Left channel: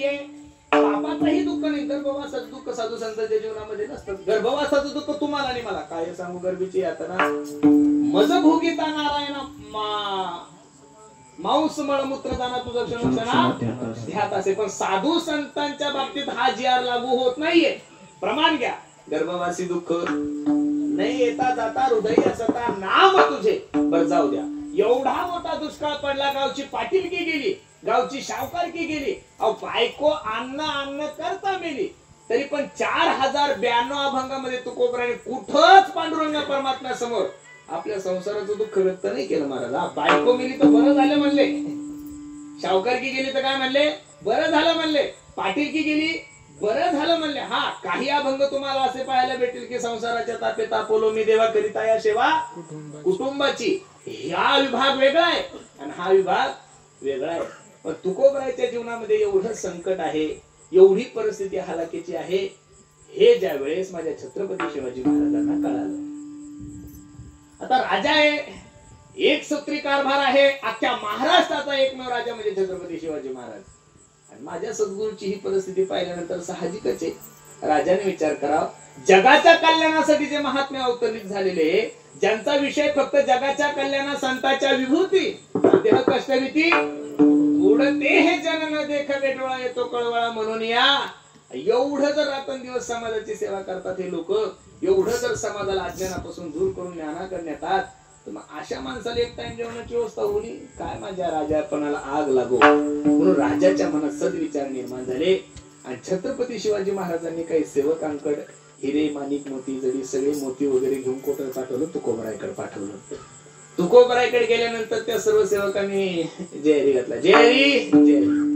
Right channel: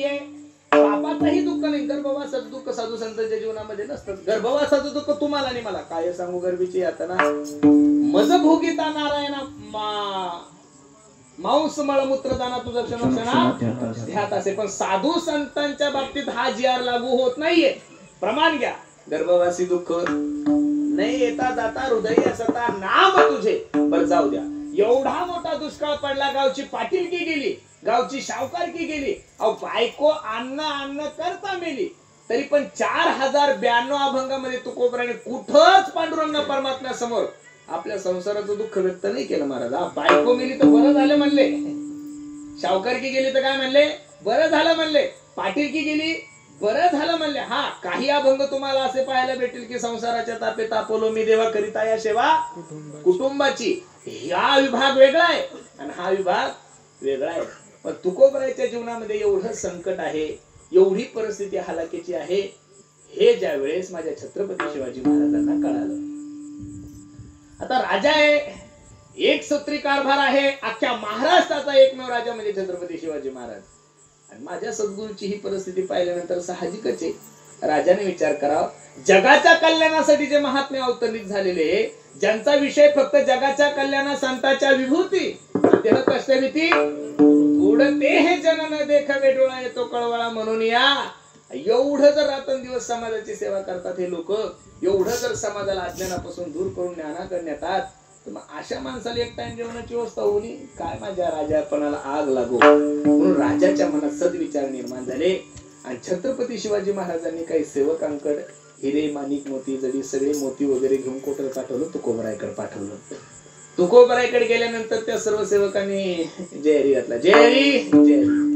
नाहीये, पापाचंही दुःख नाही, गर्भवासाचं दुःख साधू संतांच्या जीवनामध्ये नसतं. गर्भवासाचं दुःख तुम्हाला आणि मला काय सांगू, गर्भीची यातना मज भोगिता नारायणा मांस मळमूत्र दाना तुझं क्षणोक्षणा ध्यात असे. पण साधू संतांच्या बाबतीत हा जिआर लागू होत नाहीये. प्रमाण घ्या, गर्भवासी दुःख नाही येता जाता हृदय असता नाम तुझे. बर जाऊ द्या, एवढा मोठा दुष्काळ पडला, गावची पाटीलकी गेली, गावची शावकारकी गेली, अहो बायको अन्न करता मेली, तरी पण 4092 अभंगामध्ये तुकोबराने कुठंच पांडुरंग परमात्म्या समोर आपल्या संसाराचं दुःख व्यक्त नाही केलं. महाराज बायको गेली तर बरं झालं म्हणले, शावकारकी गेली तर काय म्हणले, बरं झालं म्हणले, पाटीलकी गेली बरं झालं म्हणले. हा, काही अभंग तुम्हाला असे पाहायला भेटेल की संसाराच्या तापे तापवलो मी देवा करिता या सेवा कुटुंबाची. हा विभाग वेगळा आहे आणि हा विभाग वेगळा आहे. पण तुकोबराच्या जीवनामध्ये एवढं संकट आहे, एवढी परिस्थिती हालाकीची आहे, हे ज्या वेळेस माझ्या छत्रपती शिवाजी महाराजांना कळालं. आता राजा आहे, एक सूत्री कारभार आहे, अख्ख्या महाराष्ट्राचा एकमेव राजा म्हणजे छत्रपती शिवाजी महाराज. आणि माझ्या सद्गुरूची ही परिस्थिती पाहिल्यानंतर साहजिकच आहे, राजाने विचार करावा, जगाच्या कल्याणासाठी जे महात्मे अवतरित झालेले, ज्यांचा विषय फक्त जगाच्या कल्याणा संतांच्या विभूती देह कष्ट भीती उडते हे जन न देखावे डोळा येतो कळवळा म्हणून या. एवढं जर रात्रंदिवस समाजाची सेवा करतात हे लोक, एवढं जर समाजाला अज्ञानापासून दूर करून ज्ञानाकडे नेतात, तर मग अशा माणसाला एक टाइम जेवणाची व्यवस्था होणी काय, माझ्या राजापणाला आग लागो. म्हणून राजाच्या मनात सद्विचार निर्माण झाले आणि छत्रपती शिवाजी महाराजांनी काही सेवकांकडे हिरे माणिक मोती जडी सगळे मोती वगैरे घेऊन कोठे पाठवलं, तुकोबरायकडे पाठवलं. तुकोबरायकडे गेल्यानंतर त्या सर्व सेवकांनी जय हरी घातला, जय हरी जय हरी.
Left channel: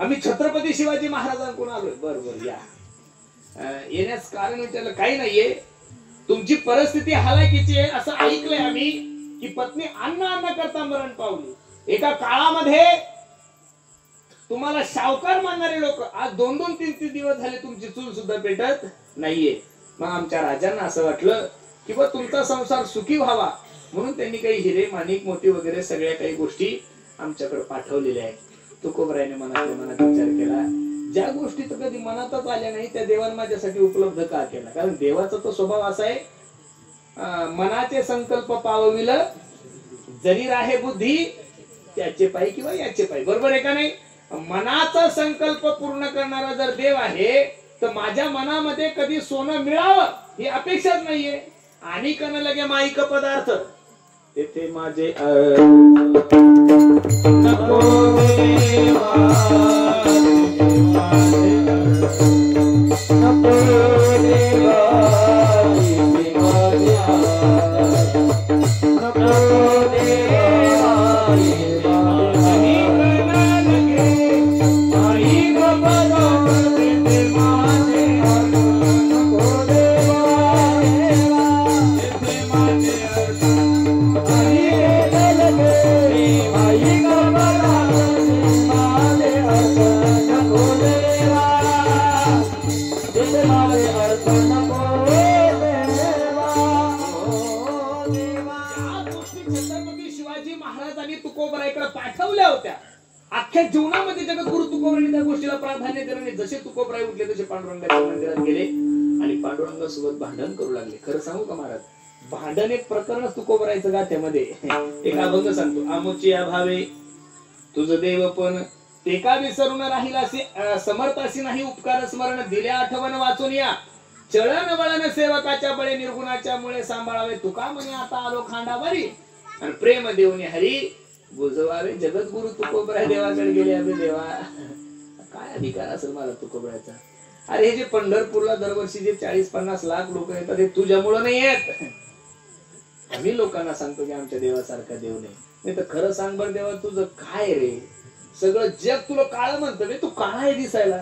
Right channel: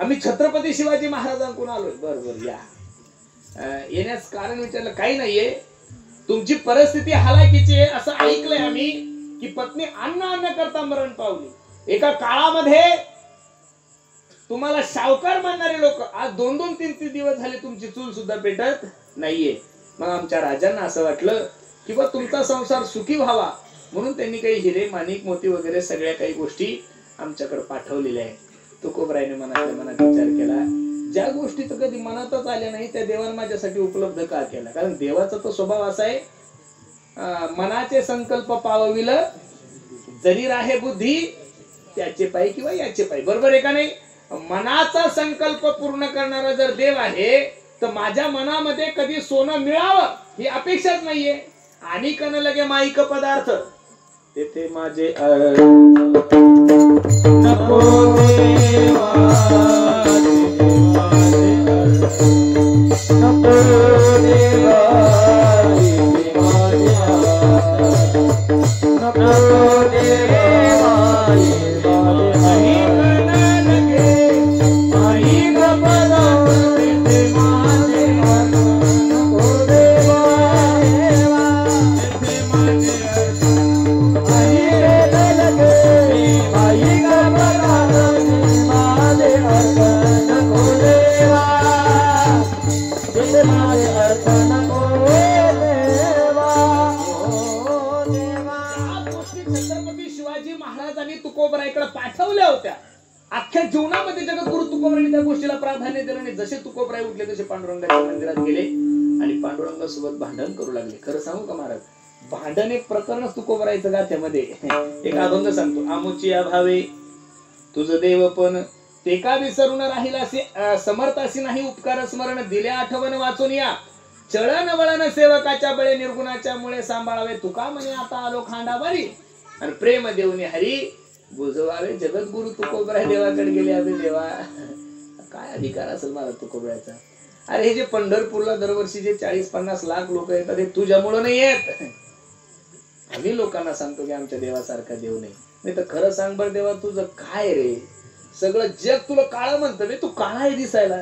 आम्ही छत्रपती शिवाजी महाराजांकडून आलो. बरोबर या. येण्यास कारण विचारलं, काही नाहीये, तुमची परिस्थिती हालाकीची आहे असं ऐकलंय आम्ही की पत्नी अन्न करता मरण पावली. एका काळामध्ये तुम्हाला शावकार मानणारे लोक आज 2-2, 3-3 दिवस झाले तुमची चूल सुद्धा पेटत नाहीये. मग आमच्या राजांना असं वाटलं की बा तुमचा संसार सुखी व्हावा म्हणून त्यांनी काही हिरे माणिक मोती वगैरे सगळ्या काही गोष्टी आमच्याकडे पाठवलेल्या आहेत. तुकोबरायने मनातल्या मनात विचार केला, ज्या गोष्टी तर कधी मनातच आल्या नाही त्या देवाने माझ्यासाठी उपलब्ध का केला. कारण देवाचा तो स्वभाव असा आहे, मनाचे संकल्प पावविल जरी राहे बुद्धी त्याचे पायी किंवा याचे पायी. बरोबर आहे का नाही. मनाचा संकल्प पूर्ण करणारा जर देव आहे तर माझ्या मनामध्ये कधी सोनं मिळावं ही अपेक्षाच नाहीये. आणि कन लगे माईक पदार्थ तेथे माझे नको देवा नको देवा पाठवल्या होत्या. अख्ख्या जीवनामध्ये जगद्गुरु तुकोबराय त्या गोष्टीला प्राधान्य दिलं नाही. जसे तुकोबराय उठले तसे पांडुरंगाच्या मंदिरात गेले आणि पांडुरंगासोबत भांडण करू लागले. खरं सांगू का महाराज, भांडण एक प्रकरणच तुकोबरायचं गाथ्यामध्ये. एक अभंग सांगतो, आमुची अभावे तुझ देव पण ते का विसरून राहिलासी, समर्थासी नाही उपकार स्मरण दिले आठवण वाचून या. चळण वळण सेवकाच्या बळे निर्गुणाच्या मुळे सांभाळावे. तुका म्हणे आता आलो खांडावरी आणि प्रेम देऊन हरी बुजवावे. जगद्गुरु तुकोबराय देवाकडे गेले. अबे देवा, काय अधिकार असेल मला तुकोबरायचा. अरे हे जे पंढरपूरला दरवर्षी जे 40-50 लाख लोक येतात हे तुझ्यामुळे नाही येत. आम्ही लोकांना सांगतो की आमच्या देवासारखा देव नाही तर खरं सांग बरं देवा, तुझं काय रे, सगळं जग तुला काळ म्हणतं बे, तू काळा आहे दिसायला.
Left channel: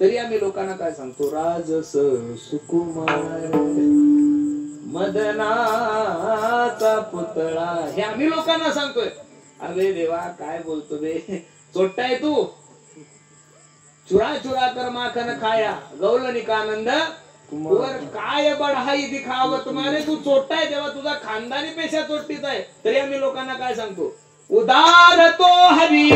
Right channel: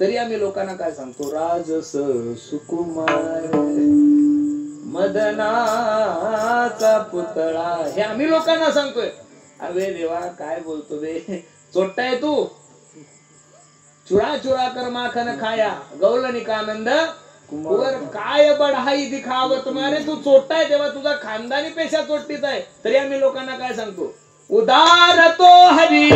तरी आम्ही लोकांना काय सांगतो, राजस सुकुमार मदनाचा पुतळा, हे आम्ही लोकांना सांगतोय. अबे देवा काय बोलतो बे, चोट्टाय तू. चुरा चुरा कर माखन खाया गौलनी का आनंद कुवर काय बढाई दिखाव तुम्हारे. तू चोट्टाय देवा, तुझा खानदानी पेशा चोट्टीच आहे. तरी आम्ही लोकांना काय सांगतो, उदार तो हरी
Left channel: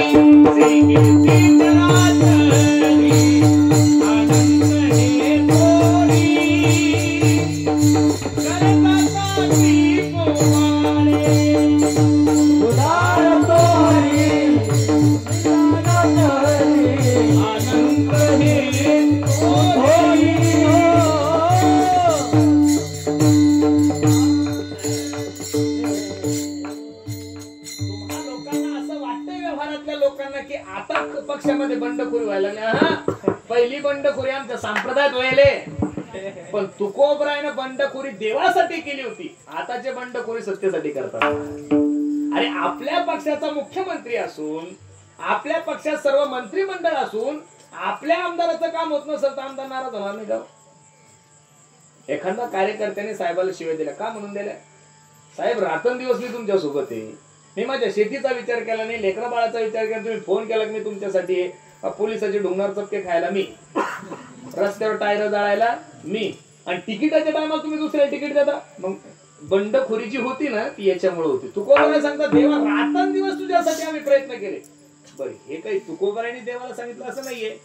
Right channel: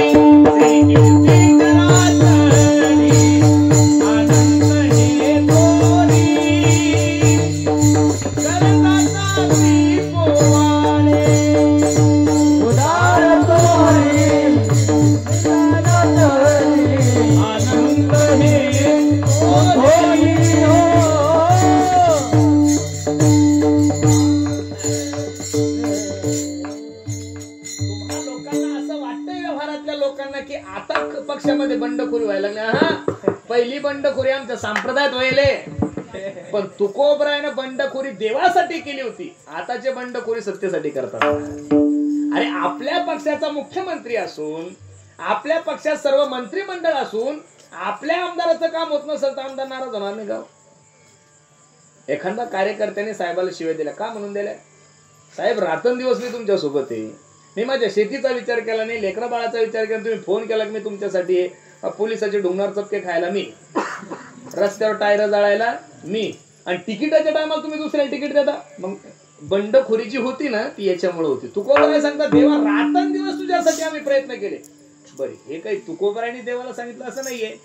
ना की आता पक्षामध्ये बंडखोरी व्हायला लागली. हा, पहिली बंडखोरी आमच्या संप्रदायात व्हायले, पण तुकोबरायनं बंडखोरी देवासाठी केली होती. आताचे बंडखोरी सत्तेसाठी करतात. अरे आपल्या पक्षाचा मुख्यमंत्री असून, आपल्या पक्षात सर्व मंत्रिमंडळ असून, आपल्या आमदाराचं काम होत नसेल तर आमदार नाराज होणार नाही का? एखादा कार्यकर्त्याने साहेबाला शिवाय दिल्या का म्हणून दिल्या? साहेब रात्रंदिवस मी तुमच्या सोबत आहे, मी माझ्या शेतीचा विचार केला नाही, लेकरा बाळाचा विचार केला, तुम्ही फोन केला की मी तुमच्यासाठी आहे, पोलिसाचे ढोंगणार चपके खायला मी, रस्त्यावर टायर जाळायला मी, आणि तिकिटाच्या टायमाला तुम्ही दुसऱ्याला तिकीट देता. मग बंडखोरी जी होती ना ती याच्यामुळे होती. तुकोबराय सांगता देवा रात्रंदिवस तुझ्यासाठी आम्ही प्रयत्न केले. बरं, हे काही तुकोबरायनी देवाला सांगितलं असं नाहीये,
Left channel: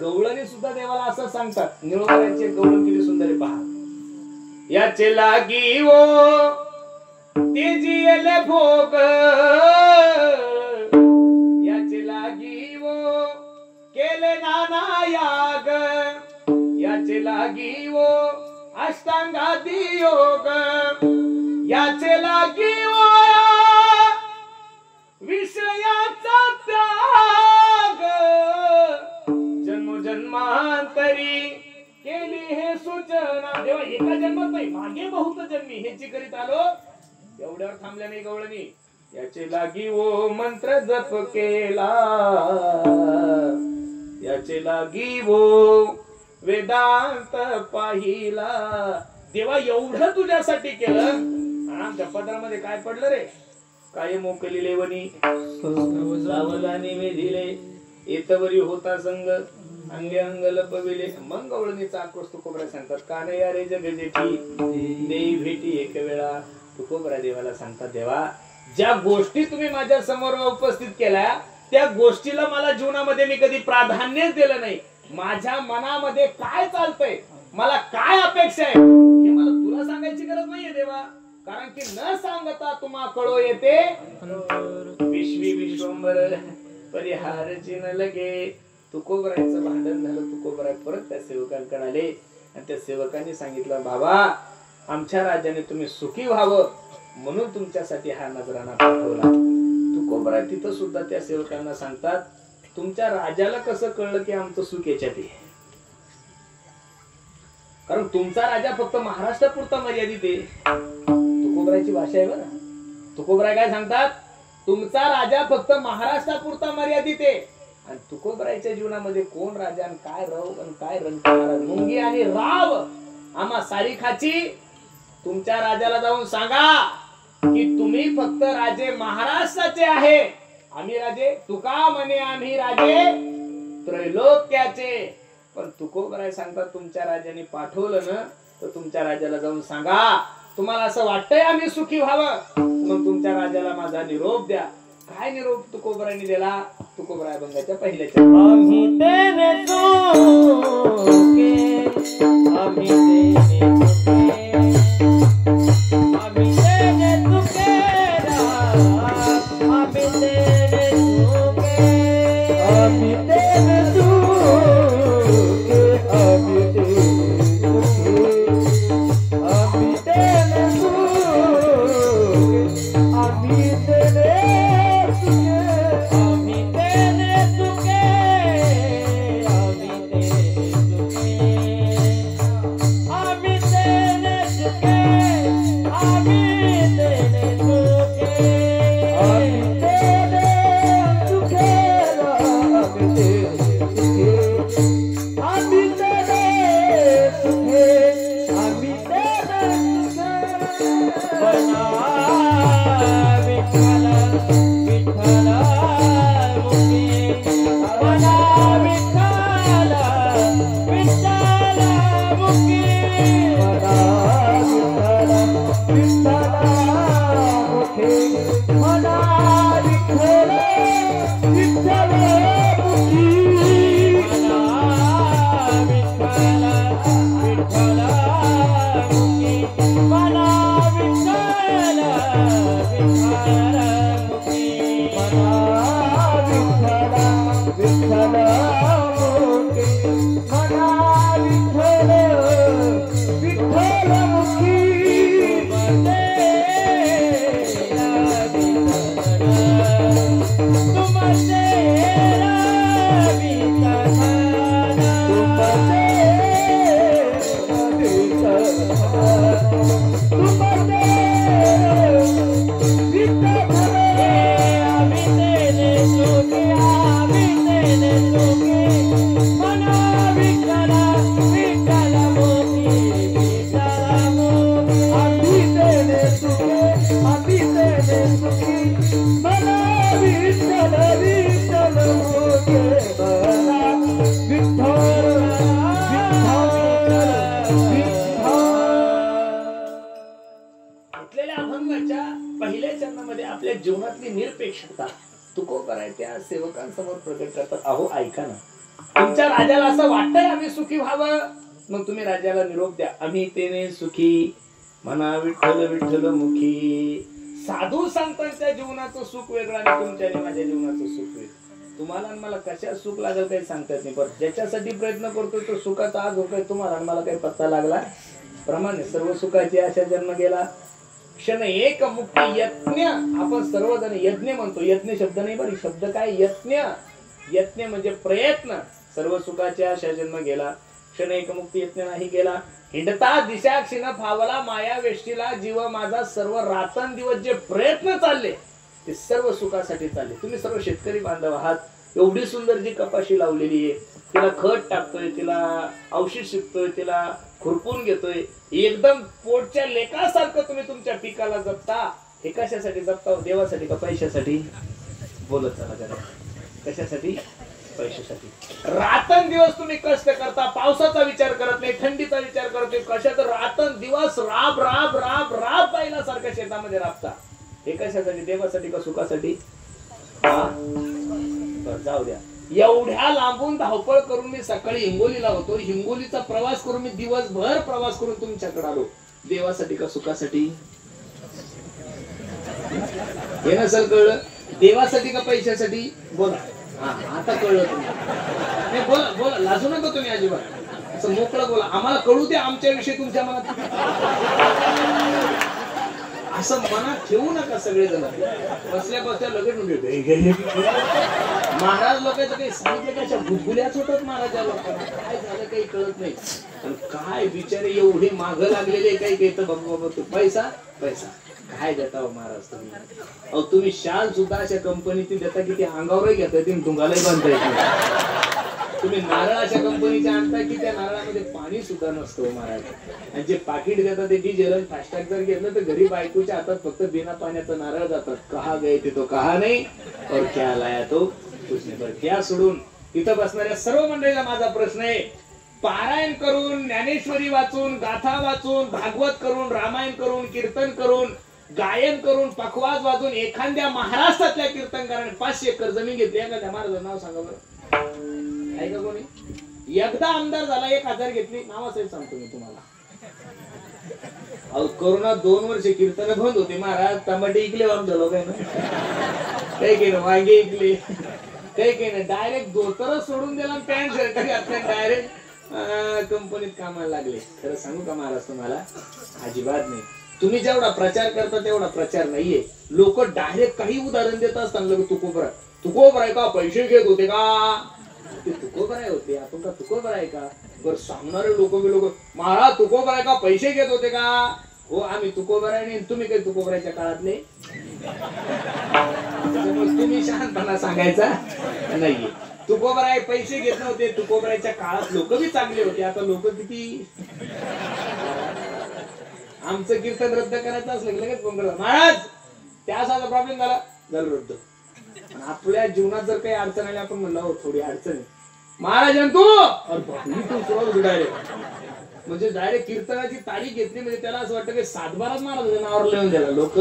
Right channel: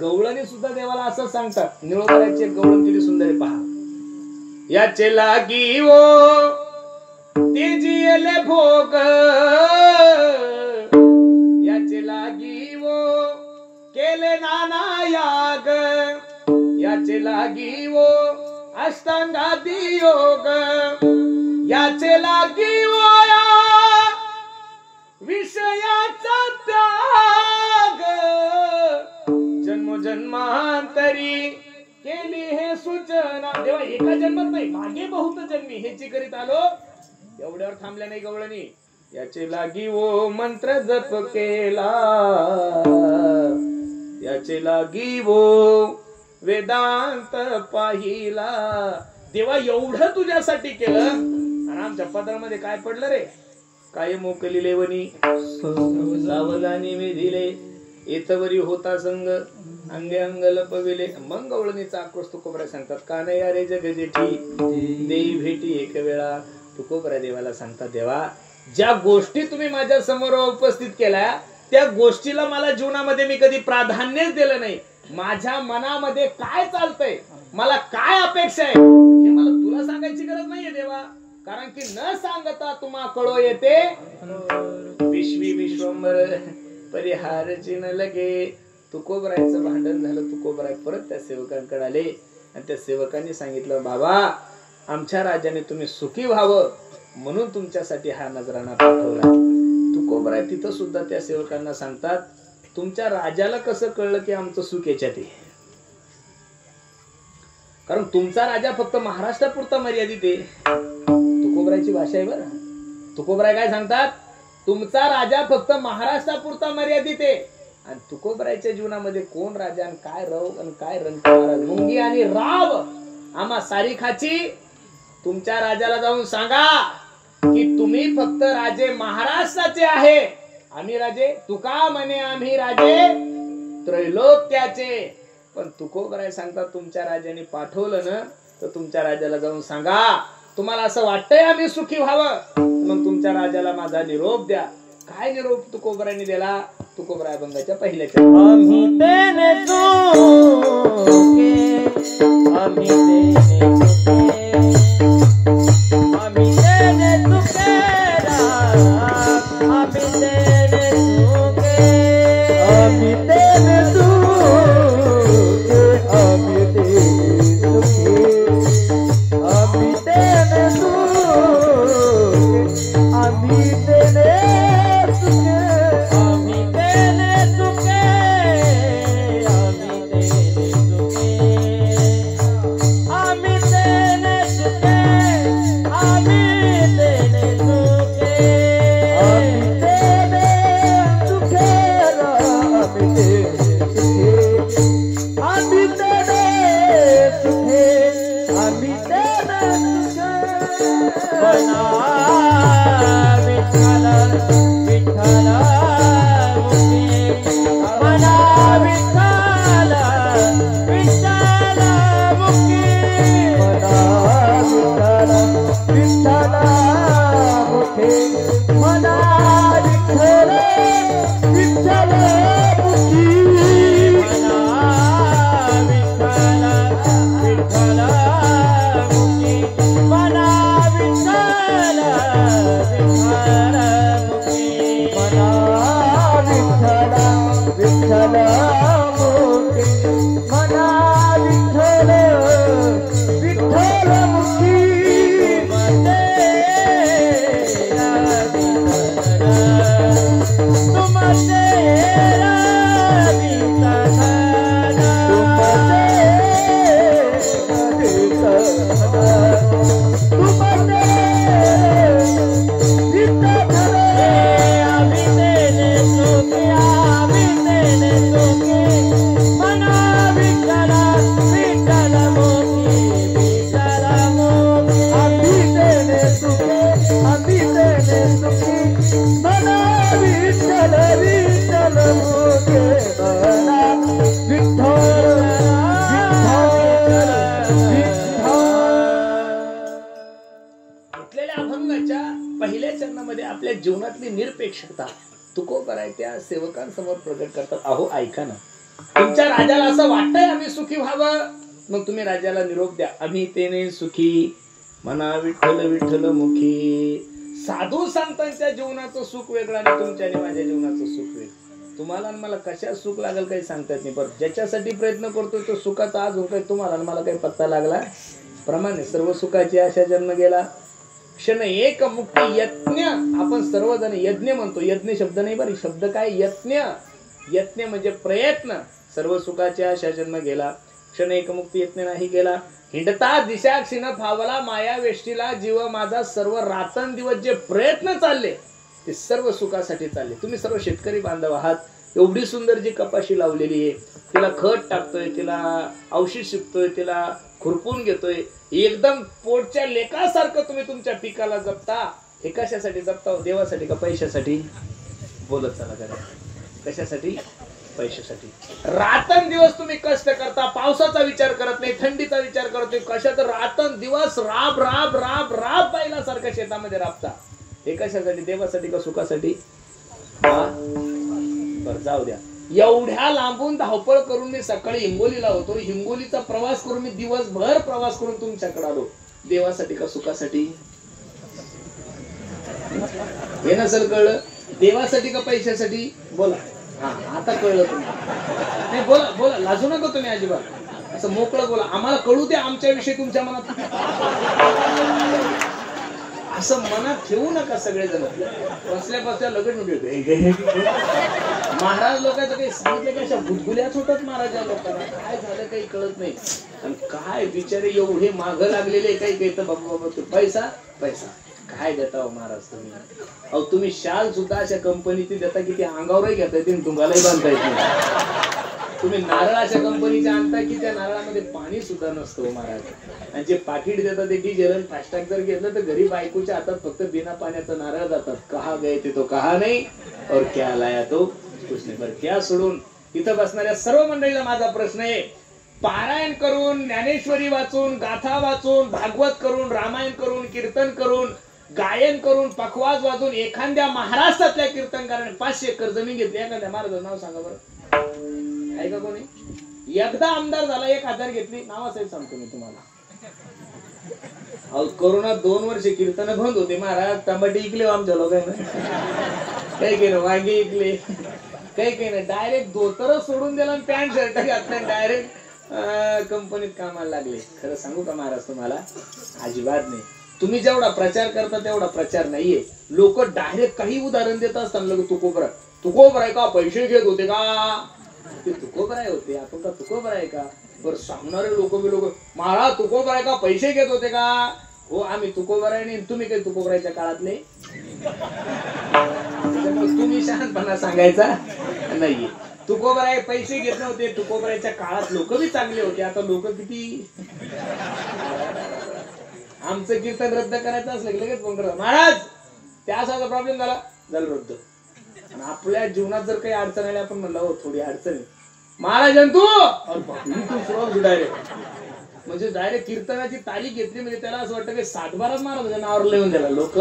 गवळणी सुद्धा देवाला असं सांगतात. निळोबारायचे गवळण किती सुंदर आहे पहा. याचे लागी ओ ते जियले भोग, याचे लागी ओ केले नाना याग, याचे लागी ओ अष्टांगादी योग, याचे लागी ओ विषयाचा त्याग, जन्मोजन्मांतरी केली हे सूचना. देवा एका जन्मात नाही, मागे बहुत जन्मी हेची करीत आलो, एवढ्यावर थांबल्या नाही गवळणी. याचे लागी ओ मंत्र जप केला, याचे लागी ओ वेदांत पाहिला. देवा एवढं तुझ्यासाठी केलं, आणि आमच्या पदरामध्ये काय पडलं रे? काय मोकली लेवणी सावधानी मी दिले, येतवरी होता संग अंगे अंग लपविले. मग गवळणीचा आक्रोश तुकोबराय सांगतात, का नाही अरे जग जेठी देई भेटी एक वेळा. तुकोबराय देवाला सांगतात, देवा ज्या गोष्टी तुम्ही माझ्या समोर उपस्थित केल्या त्या गोष्टीला मला जीवनामध्ये मी कधी प्राधान्यच दिलं नाही. माझ्या मनामध्ये काय चालतंय, मला काय अपेक्षा आहे हे मला तुला सांगायची गरज नाहीये देवा, कारण की न सांगता तुम्हा कळो येते विश्वी विश्वंबर परिहार चिन्ह लगे. तुकोबरायचं भांडण झालं. तुकोबराय परत त्या सेवकांकडे आले आणि त्या सेवकांनी सांगितलं, बाबा आमच्या राजाने तुम्ही सुखी व्हावं म्हणून तुमच्यासाठी हा नजराणा पाठवला. तुकोबराय तिथं सुद्धा त्या सेवकांना सांगतात, तुमच्या राजाला कसं कळलं की आमचं सुख याच्यात आहे? कारण तुमचा राजा फक्त महाराष्ट्रापुरता मर्यादित आहे. तुकोबरायची भाषा आहे बरं. तुकोबराय काय सांगतात, तुमचा राजा फक्त महाराष्ट्रापुरता मर्यादित आहे. आणि तुकोबरायच्या जीवनामध्ये कोण राजा आणि काय रव आणि काय रणक महाराज, मुंगी आणि राव आम्हा सारीखाची. तुमच्या राजाला जाऊन सांगा की तुम्ही फक्त राजे महाराष्ट्राचे आहे, आम्ही राजे तुका म्हणे आम्ही राजे त्रैलोक्याचे. पण तुकोबराय सांगतात, तुमच्या राजाने पाठवलं ना तर तुमच्या राजाला जाऊन सांगा, तुम्हाला असं वाटतंय आम्ही सुखी व्हावं, मग तुमच्या राजाला माझा निरोप द्या. काय निरोप तुकोबरायने दिला? तुकोबराय अभंगाच्या पहिल्याच्या, आम्ही तेने चुके, आम्ही तेने चुके, आम्ही तेने चुके, आम्ही तेने चुके, आम्ही तेने चुके, आम्ही तेने चुके, आम्ही तेने चुके, आम्ही तेने Namaste. सेवकांसमोर प्रकट करतात. अहो ऐका ना, तुमच्या राजाला असं वाटतंय आम्ही सुखी व्हावं, मग तुम्ही राजाला निरोप द्या, आम्ही तेने सुखी म्हणा विठ्ठल विठ्ठल मुखी. साधू संतांच्या जीवनाचं सुख वेगळं आणि तुमच्या आणि माझ्या जीवनाचं सुख वेगळं. तुम्हाला आणि मला कशा सुख लागेल काही सांगता येत नाही, पण ज्याच्यासाठी प्रयत्न करतोय तो सुखाचा आज होतोय. तुम्हाला आणि मला काही पत्ता लागला प्रमाणे सर्व सुखाची आशा जन्म गेला. क्षण एक मुक्ती यज्ञ, आपण सर्वजण यज्ञ म्हणतो. यज्ञ शब्द नाही बरी, शब्द काय यज्ञ. यज्ञ म्हणजे प्रयत्न. सर्व सुखाची आशा जन्म गेला, क्षण एक मुक्ती यज्ञ नाही गेला. हिंडता दिशा क्षीण फावला माया वेष्टीला जीव माझा. सर्व रात्रंदिवस जे प्रयत्न चालले ते सर्व सुखासाठी चालले. तुम्ही सर्व शेतकरी बांधव आहात. एवढी सुंदर जी कपाशी लावलेली आहे, तिला खत टाकतोय, तिला औषध शिकतोय, तिला खुरपून घेतोय, एकदम पोटच्या लेकासारखं तुम्ही तुमच्या पिकाला जपता. हे कशासाठी जपता? देवासाठी का पैशासाठी? बोलत चला जरा. कशासाठी? पैशासाठी. रात्रंदिवस तुम्ही कष्ट करता, पावसाचा विचार करत नाही, थंडीचा विचार करतोय, कशाचा रात्रंदिवस राब राब राब राब पाहिल्यासारखं शेतामध्ये राबता. हे कशासाठी? देवासाठी का सुखासाठी? जाऊ द्या. एवढ्या लांबून धावपळ करून मी सकाळी हिंगोलीला होतो, हिंगोलीचा प्रवास करून मी दिवसभर प्रवास करून तुमच्याकडे आलो. देवासाठी का सुखासाठी? हे नसेल कळलं. देवासाठी का पैशासाठी? बोला. हा आता कळलं तुम्हाला. नाही बोला बोला, लाजू नका तुम्ही अजिबात, असं मोकळं बोला. आम्हाला कळू दे आमच्याविषयी तुमच्या मनात. असं मनात ठेवू नका. सगळेजण बसल्या बसल्या लगेच म्हणजे महाराज लोकांचं काही सांगितलं की अशा गुदगुल्याच होतात महाराजा लोकांना. काय झालं काही कळत नाही. आणि काय बिचारे एवढे माग लागलेले काही काही तर बाबा बाबा पैसा पैसा काय देता हो महाराज तुम्ही. अहो तुम्ही शाल सुद्धा अशा कंपनीची देता की ते अंगावरही घेता येते डोंगालाही बांधता येत नाही. तुम्ही नारळ अशा कंपनीचे आणता की त्या नारळामध्ये पाणी सुद्धा नसतं महाराज. आणि जे पाकिट देतात ते डिझेल फास्टॅग जर घेतलं तर गरीब बायकोच्या हातात फक्त बिना पाण्याचं नारळ जातात. कहा गए ते तो कहा नाही और क्या लाया तो उसने. बरं त्या सोडून तिथं बसणाऱ्या सर्व मंडळीला माझा प्रश्न आहे. पारायण करून, ज्ञानेश्वरी वाचून, गाथा वाचून, भागवत करून, रामायण करून, कीर्तन करून, गायन करून, पखवाज वाजून एखाद्या महाराष्ट्रातल्या कीर्तनकाराने 500 एकर जमीन घेतली. एखाद्या महाराजांचं नाव सांगा बरं. आहे का कोणी? एकदा आमदार झाला 1000 घेतली. नावासहित सांगतो मी तुम्हाला. अहो कोरोना 2 वर्ष कीर्तन बंद होते महाराज. टमाटे इकले आमच्या लोकांना, काही केलं वांगे इकले, काही केलं डायरेक्ट धोतर सोडून दिला, पॅन्ट शर्ट घातलं, डायरेक्ट कंपनीत कामाला लागले. खरं सांगू का महाराज तुम्हाला? अजिबात नाही. तुम्ही जेवढा प्रचार करता तेवढा प्रचार नाहीये. लोक डायरेक्ट काही उदाहरण देत असताना लोक तुकोबराय का पैसे घेत होते का? ते तुकोबराय होते, आपण का तुकोबराय आहे का? बरं सांगणारे लोक महाराज तुकोबराय का पैसे घेत होते का? हो आम्ही तुकोबराय नाही. तुम्ही काही तुकोबरायच्या काळातले, त्याच्यामुळे तुम्ही शहाणपणा सांगायचा नाहीये. तुकोबराय पैसे घेत नव्हते. तुकोबरायच्या काळात लोक बी चांगले होते. आता लोक किती. आमचं कीर्तन रद्द करायचं असलं की लगेच फोन करतात महाराज त्याचा प्रॉब्लेम झाला रद्द. आपल्या जीवनात जर काही अडचण आली, आपण म्हणलं हो थोडी अडचण आहे महाराज तू डायरेक्ट म्हणजे डायरेक्ट कीर्तनाची तारीख घेतली म्हणजे त्याला असं वाटतं की 7 बाराच महाराज नावावर लिहून द्याला. लोक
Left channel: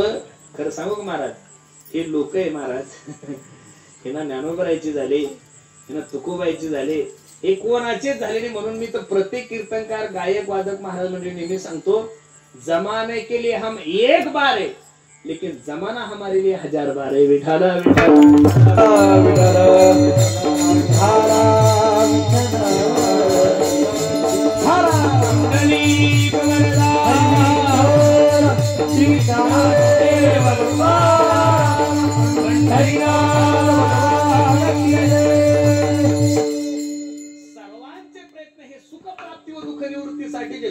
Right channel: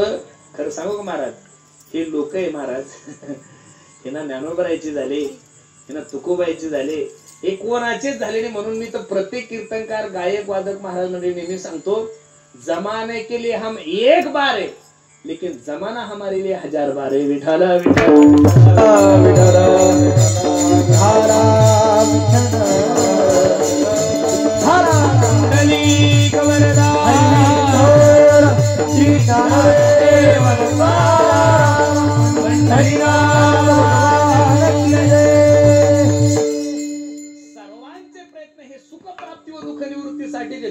खरं सांगू का महाराज, हे लोक आहे महाराज हे ना ज्ञानोबरायचे झाले, हे ना तुकोबाईचे झाले, हे कोणाचेच झाले नाही. म्हणून मी तर प्रत्येक कीर्तनकार, गायक, वादक महाराज म्हणजे नेहमी सांगतो, जमाने के लिए हम एक बार है लेकिन जमाना हमारे लिए 1000 बार है. विठाला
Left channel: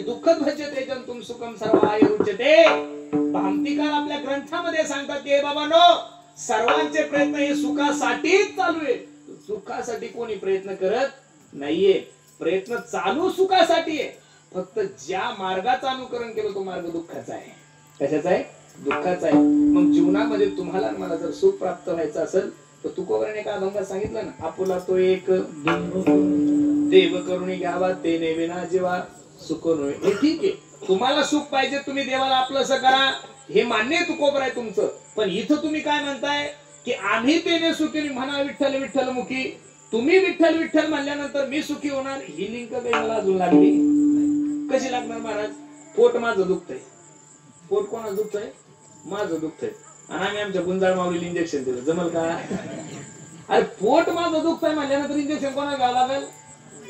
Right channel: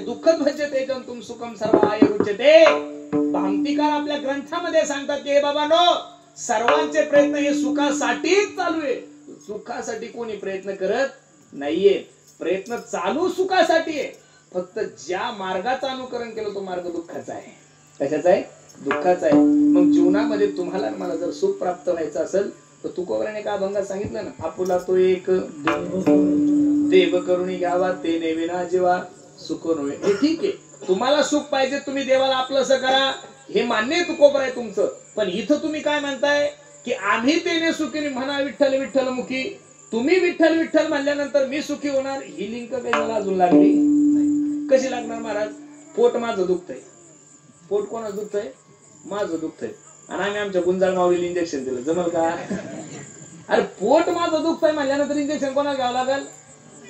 दुःखद भजते तुम सुखम सर्व आय रुचते. भामतीकार आपल्या ग्रंथामध्ये सांगतात की बाबांनो, सर्वांचे प्रयत्न हे सुखासाठीच चालू आहे. सुखासाठी कोणी प्रयत्न करत नाहीये. प्रयत्न चालू सुखासाठी आहे. फक्त ज्या मार्गाचं अनुकरण केलं तो मार्ग दुःखाचा आहे. कशाचा आहे? दुःखाचा आहे. मग जीवनामध्ये तुम्हाला मला जर सुख प्राप्त व्हायचं असेल तर तुकोबराने का अभंगात सांगितलं ना, आपुला तो एक देव करुणी घ्यावा ते नेविना जेव्हा सुख नव्हे. हे ठीक आहे, तुम्हाला सुख पाहिजे, तुम्ही देवाला आपलंसं करा, हे मान्य तुकोबर आहे तुमचं. पण इथं तुम्ही काय म्हणताय? की आम्ही तेने सुखी म्हणा विठ्ठल विठ्ठल मुखी, तुम्ही विठ्ठल विठ्ठल म्हणल्यानंतर मी सुखी होणार, ही लिंक काही मला अजून लागली कशी लागणार महाराज? पोट माझं दुखतंय. पोट कोणाचं दुखतंय? माझं दुखतंय. आणि आम्ही आमच्या गुंजाळ माऊलीला इंजेक्शन दिलं, जमल का? अरे पोट माझं दुखतंय म्हणल्यानंतर इंजेक्शन कोणाला घ्यावं लागेल?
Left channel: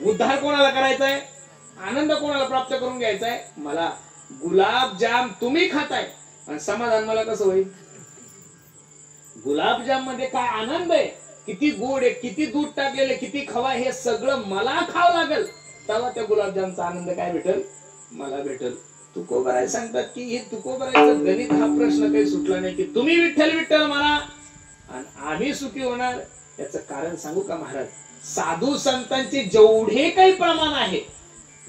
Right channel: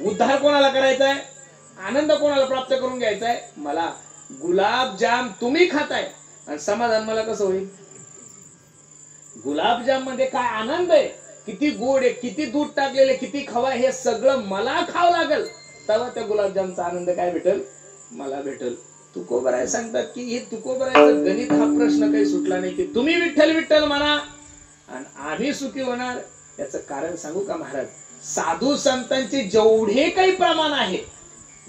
उद्धार कोणाला करायचा आहे? आनंद कोणाला प्राप्त करून घ्यायचा आहे? मला. गुलाबजाम तुम्ही खाताय आणि समाधान मला कसं होईल? गुलाबजाम मध्ये काय आनंद आहे, किती गोड आहे, किती दूध टाकलेले, किती खवा, हे सगळं मला खावं लागेल, तेव्हा त्या गुलाबजामचा आनंद काय भेटल? मला भेटल. तुकोबराय सांगतात की हे तुकोबरायचं गणित हा प्रश्न काही सुटला नाही की तुम्ही विठ्ठल विठ्ठल म्हणा आणि आम्ही सुखी होणार. याचं कारण सांगू का महाराज? साधू संतांचे जेवढे काही प्रमाण आहे,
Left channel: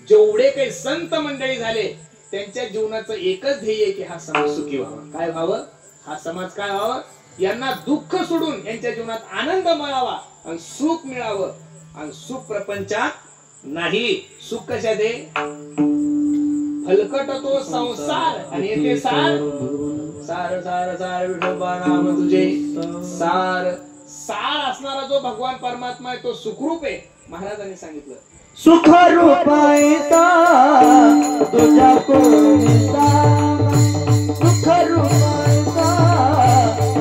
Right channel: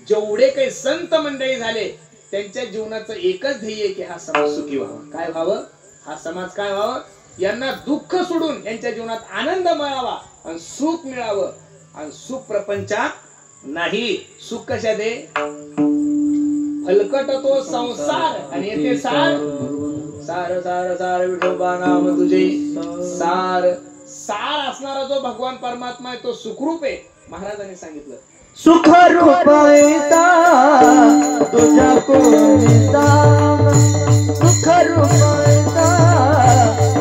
जेवढे काही संत मंडळी झाले, त्यांच्या जीवनाचं एकच ध्येय की हा समाज सुखी व्हावा. काय व्हावं? हा समाज काय व्हावं? यांना दुःख सोडून यांच्या जीवनात आनंद मिळावा आणि सुख मिळावं. आणि सुख प्रपंचात नाही. सुख कशात आहे? फलकट तो संसार आणि येते सार. सार सार सार विठोबा नाम तुझे सार. सार असणारा जो भगवान परमात्मा आहे तो सुखरूप आहे. महाराजांनी सांगितलं सुख रूपायचा तुझ्या कोणीचा, सुख रूपायचा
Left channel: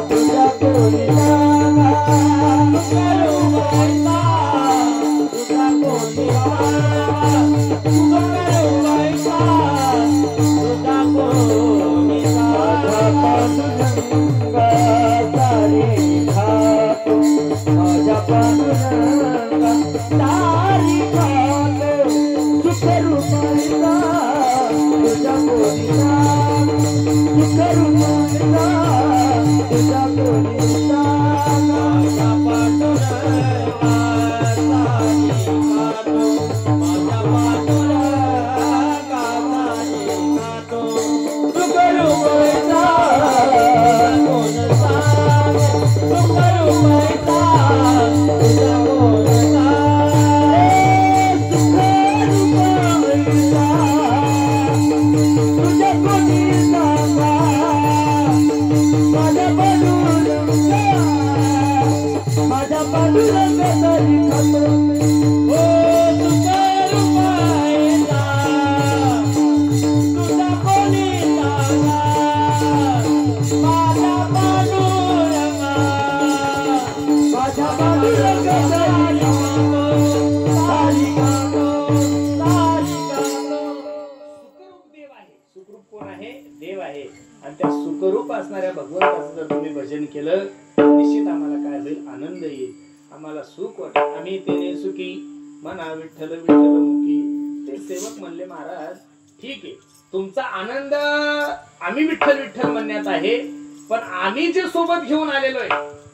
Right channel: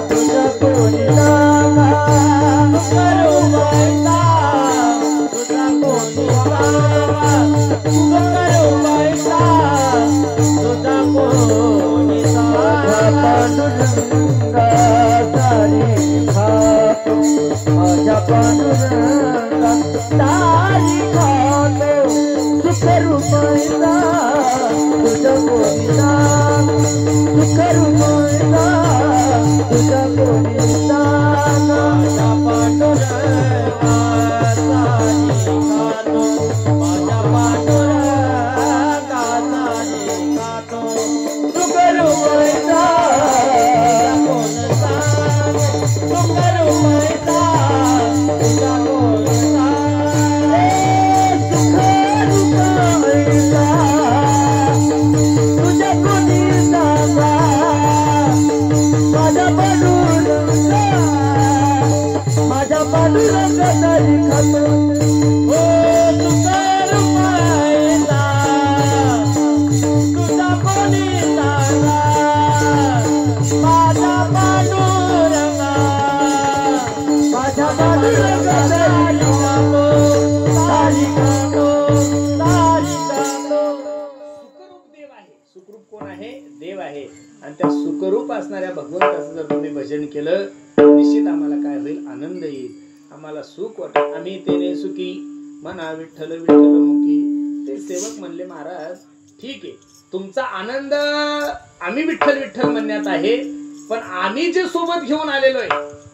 तुझ्या कोणीचा, सुख रूपायचा तुझ्या कोणीचा, सुख रूपायचा तुझ्या कोणीचा. पांडुरंगा तारी खातो, माझ्या पांडुरंगा तारी खातो, सुख रूपायचा तुझ्या कोणीचा, सुख रूपायचा तुझ्या कोणीचा. माझ्या पांडुरंगा तारी खातो, माझ्या पांडुरंगा तारी खातो, सुख रूपायचा कोणता, सुख रूपायचा तुझ्या कोणता. असणाऱ्या भगवंताचं जर तुम्ही भजन केलं तर निश्चित आम्हाला काय होईल? आनंद येईल, आम्हाला सुख वाटेल. आम्ही तेने सुखी म्हणा विठ्ठल विठ्ठल मुखी. ते सेवक म्हणले महाराज ठीक आहे, तुमचा आनंद आम्ही विठ्ठल विठ्ठल म्हणण्यात आहे, पण आम्ही जे सोबत घेऊन आलेलो आहे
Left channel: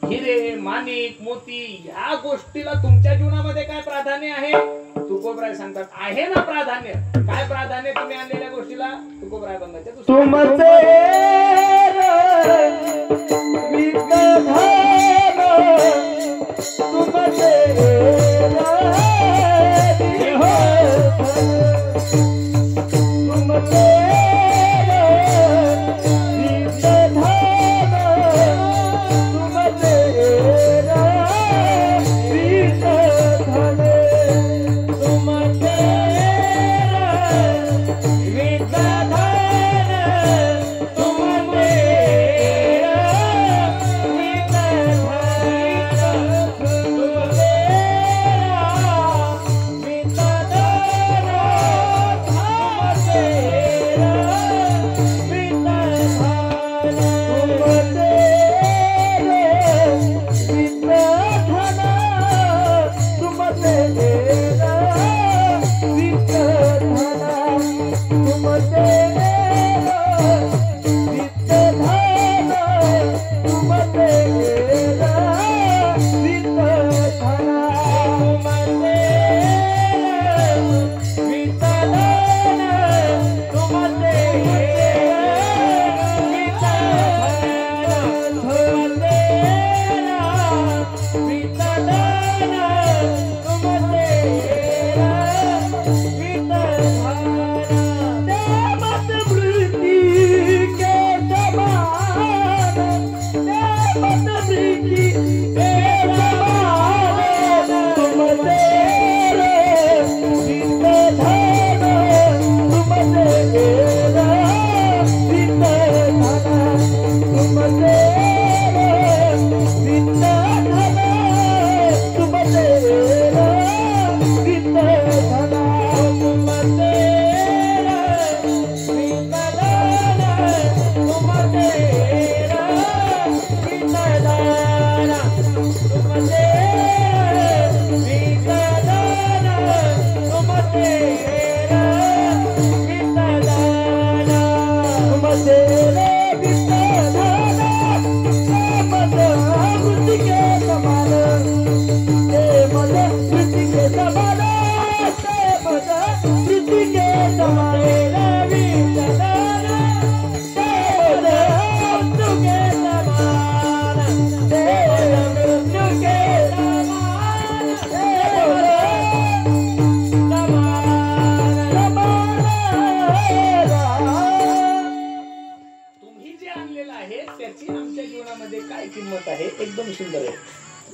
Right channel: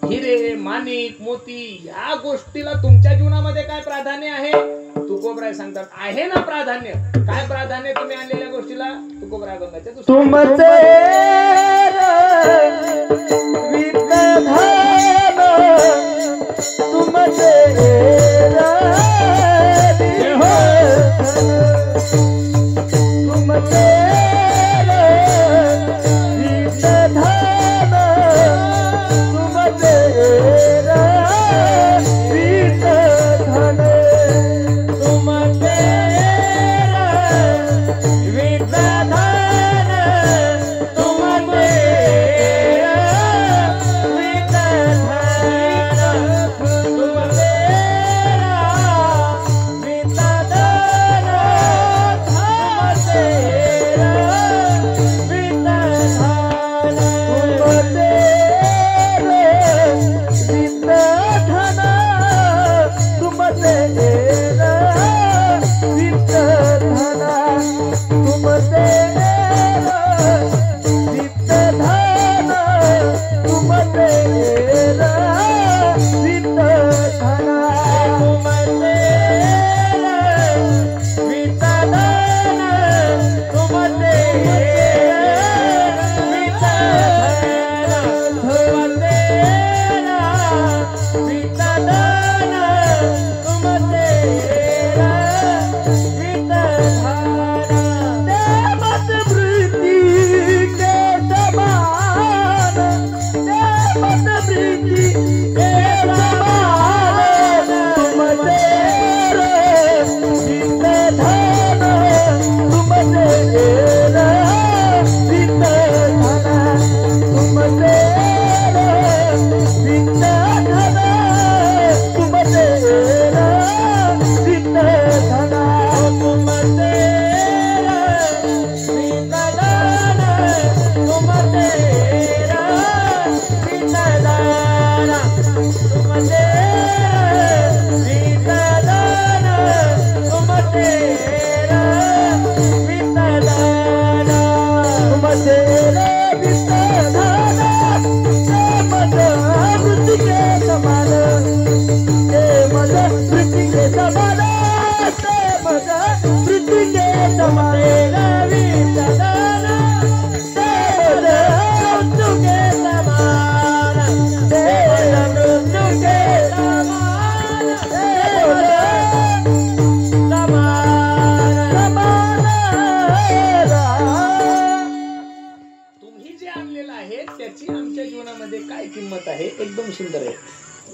हिरे माणिक मोती, ह्या गोष्टीला तुमच्या जीवनामध्ये काय प्राधान्य आहे? तुकोबराय सांगतात आहे ना प्राधान्य. काय प्राधान्य तुम्ही आणलेल्या गोष्टीला? तुकोबराय बंगाच्या तुमचे विघ्नधाम, तुमचे तुमचे विघ्नधाम, तुमचे विघ्नधन, तुमचे विघ्नधन,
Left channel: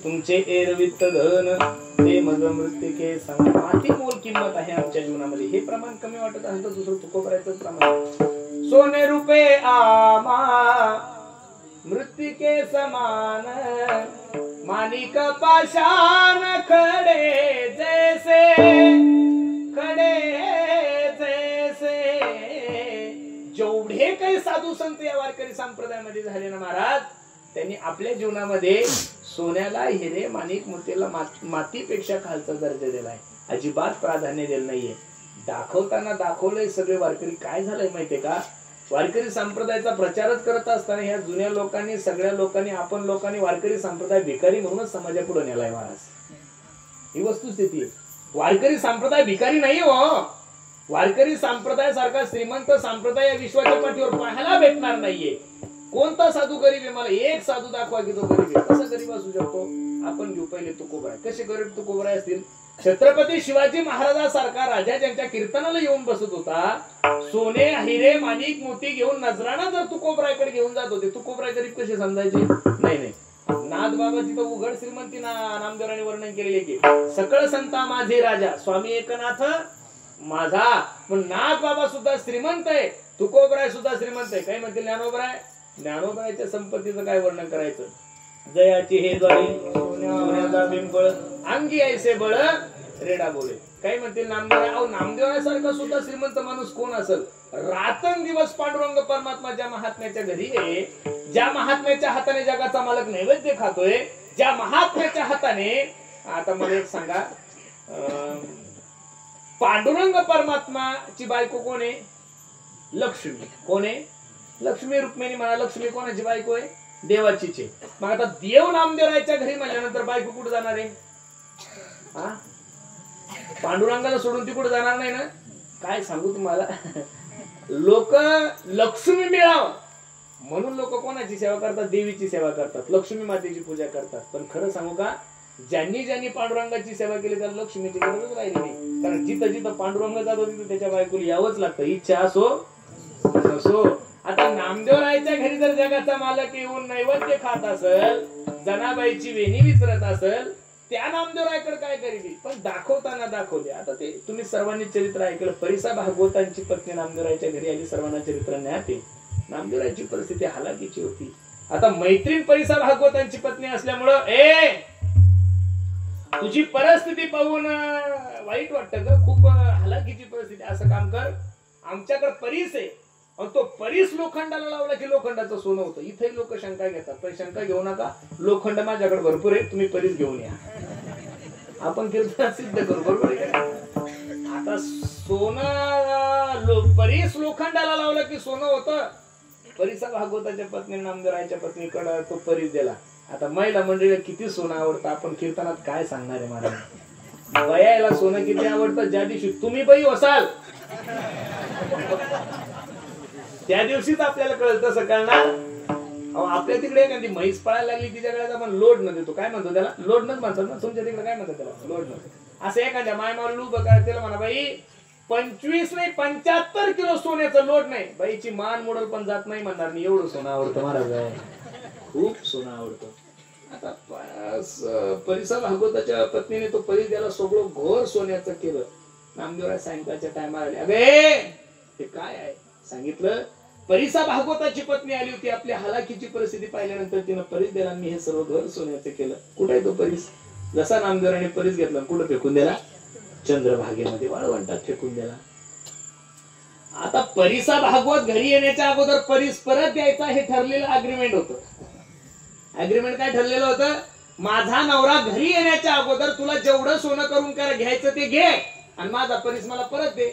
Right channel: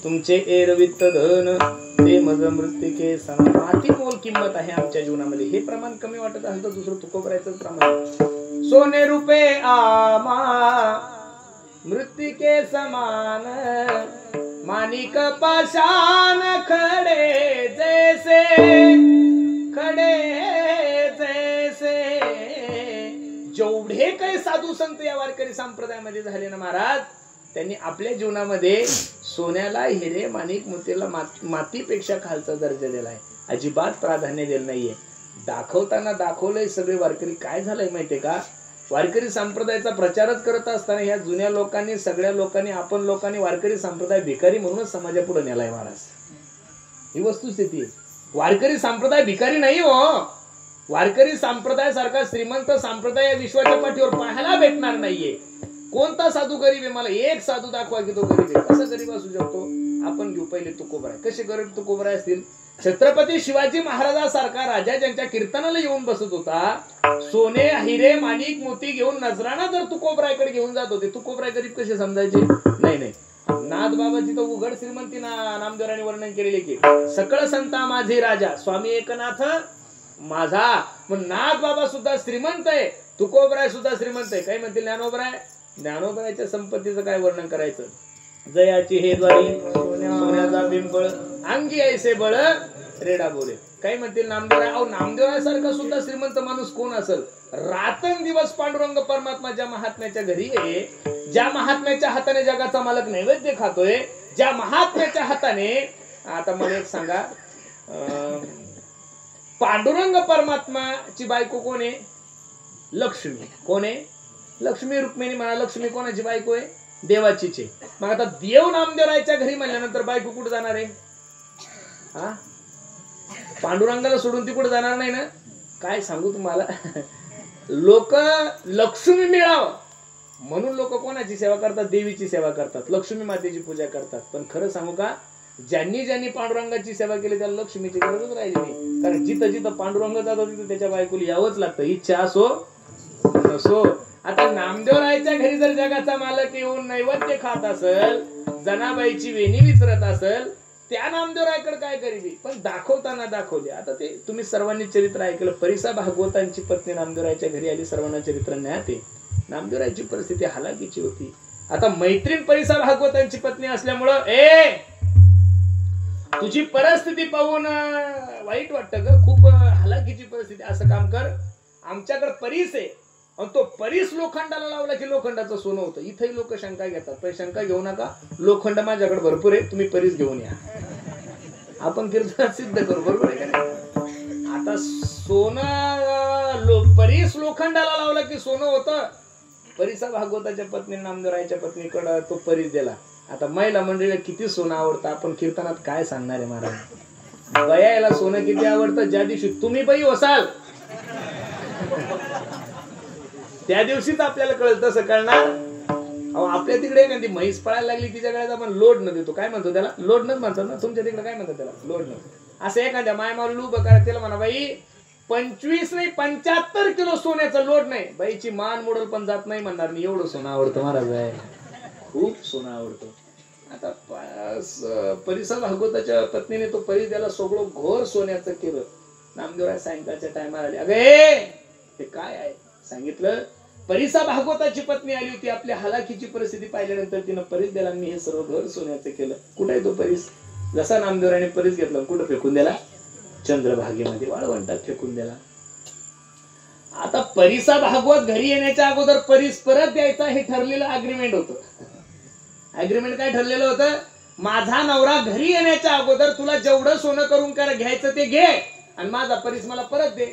तुमचे एरवित्त धन ते मज मृत्तिके सम. माती मोल किंमत आहे आमच्या जीवनामध्ये. हे प्रमाण कमी वाटत असेल तर दुसरं तुकोबरायचं प्रमाण. सोने रुपे आमा मृत्तिके समान मानिक पाषाण खडे जैसे जेवढे काही साधू संत या वारकरी संप्रदायामध्ये झाले ना महाराज, त्यांनी आपल्या जीवनामध्ये सोन्याला, हिरे, माणिक, मोतीला मातीपेक्षा खालचा दर्जा दिलाय. अजिबात प्राधान्य दिलं नाहीये. दाखवताना दाखवलंय सगळे वारकरी. काय झालंय माहितीये का, वारकरी संप्रदायाचा प्रचारच करत असताना ह्या जुन्या लोकांनी, सगळ्या लोकांनी, आपण लोकांनी वारकरी संप्रदाय भिकारी म्हणूनच समाजापुढे नेलाय महाराज. ही वस्तुस्थिती. वारकरी संप्रदाय भिकारी नाही हो. वारकरी संप्रदाय सारखा श्रीमंत संप्रदाय या विश्वाच्या पाठीवर पाहायला भेटणार नाहीये. कोणता साधू गरीब आहे? मला एक साधू दाखवा की तो गरीब आहे. कसं गरीब असू शकतो? आपण घेऊ पहिले तुकोबराय. कसे गरीब तुकोबराय असतील? छत्रपती शिवाजी महाराजांसारखा राजा ज्यांच्या कीर्तनाला येऊन बसत होता, सोने, हिरे, माणिक, मोती घेऊन नजराना जर तुकोबरायकडे घेऊन जात होते, तुकोबराय गरीब कसे समजायचे? नाही नाही. नाथबाबाची तो उघड श्रीमंती नामदेवरांनी वर्णन केलेले की सकळ संता माझे राजा स्वामी एकनाथ माझा. पण नाथबाबा सुद्धा श्रीमंत आहे, तुकोबराय सुद्धा श्रीमंत आहे. काय म्हणतील ज्ञानोबराय? ज्ञानोबरायच्या संपत्तीचं काय वर्णन करायचं? जयाची हे द्वारी सोन्याचा बिंबळ अंगी ऐसे बळ रेडा बोले. काय म्हणतील नामदेवराय? अहो नामदेवरायसारखा सुद्धा श्रीमंत माणूस कोण असेल? रातन दिवस पांडुरंग परमात्मा ज्या महात्म्याच्या घरी आहे, ज्या महात्म्याच्या हाताने जगाचा मालक नैवेद्य खातोय, ज्या महात्म्याच्या हाताने, आता मला एक सांगा, पांडुरंग परमात्माची बायको कोण आहे? लक्ष्मी. कोण आहे? लक्ष्मी. रुक्मिणी म्हणा. लक्ष्मी कोणाची बायको आहे? देवाचीच आहे. मग आता देव नामदेवरायच्या घरी म्हणल्यानंतर बायको कुठे जाणार आहे? हा, पांडुरंगाला सोडून ती कुठे जाणार नाही ना. काय सांगू तुम्हाला, लोक लक्ष्मी मिळावं म्हणून लोक कोणाची सेवा करतात? देवीची सेवा करतात, लक्ष्मी मातेची पूजा करतात. पण खरं सांगू का, ज्यांनी ज्यांनी पांडुरंगाची सेवा केली त्याला लक्ष्मीची गरजच राहिली नाही. कारण जिथं जिथं पांडुरंग जातो तिथं त्याच्या बायकोला यावंच लागतं, इच्छा असो नसो. आता नामदेवरायच्या घरी जर जगाचा मालक येऊन नैवेद्य खात असेल, जनाबाईची वेणी विसरत असेल, त्या नामदेवरायकडे काय गरिबी? पण दाखवताना दाखवले. आता ते तुम्ही सर्वांनी चरित्र ऐकलं. परिसा भागवतांची पत्नी नामदेवरायच्या घरी आली. सर्वांना चरित्र ज्ञात आहे. नामदेवरायची परिस्थिती हालाकीची होती. आता मैत्रीण परिसा भागवतांची पत्नी असल्यामुळं तुझी परिस्थिती पाहून वाईट वाटतं ग, खूप हालाकीची परिस्थिती. असं काम कर, आमच्याकडे परीस आहे, तो परीस लोखंडाला लावला की लोखंडाचं सोनं होतं. इथेही लोक शंका घेतात. पण शंका घेऊ नका, लोखंड माझ्याकडे भरपूर आहे, तुम्ही परीस घेऊन या. आपण कीर्तनात सिद्ध करू. बरोबर आहे का? आता सोनं परीस लोखंडाला लावलं की सोनं होतं. परिसा भागवताच्या पत्नी नामदेवरायच्या पत्नीकडे तो परीस दिला. आता महिला मंडळीला किती सोनं आवडतं आपण कीर्तनात काय सांगणार आहे महाराज? बयाला सोनं किती आवडतं? ज्या दिवशी तुम्ही बाई असाल त्या दिवशीच आपल्याला कळत. तसं कळणार? आपल्या तिकडे एखादी म्हैस पळायला लागली तिच्या गळ्यात आपण लोड न देतो. काय म्हणतो त्याला? लोड नच म्हणतात ना. तुमच्या तिकडे काय म्हणतात त्याला? लोड न. असं एखाद्या मायमाला लूब करा, त्याला म्हणा बाई 25 नाही 75 किलो सोन्याचं लोड नाही. बाईची मान मोडल पण जात नाही म्हणणार नाही. एवढं सोनं आवडतं महाराज, खूप सोनं आवडतं. आता परिसा भागवताच्या पत्नीने तो परी त्याला सगळं घोर सोन्याचं केलं. नामदेवराय सायंकाळच्या टायमाला आले. अगे ते काय आहे सांगितलं. परिसा भागवताची पत्नी आली होती. आपल्या हालाकीची परिस्थिती पाहिल्यानंतर तिनं परीस दिला. मी हे सर्व घर सोन्याचं केलं. कुठे आहे तो परीस? जसा नामदेवराने परीस घेतला कुठं फेकून दिला? चंद्रभागेमध्ये, वाळवंटात फेकून दिला. आता परिसा भागवत घरी येण्याच्या अगोदर परीस परत द्यायचा हे ठरलेलं अग्रीमेंट होतं. अग्रीमेंट काय ठरलेलं होतं? माझा नवरा घरी येण्याच्या अगोदर तुला जेवढं सोनं करून घ्यायचं ते घे आणि माझा परीस मला परत दे.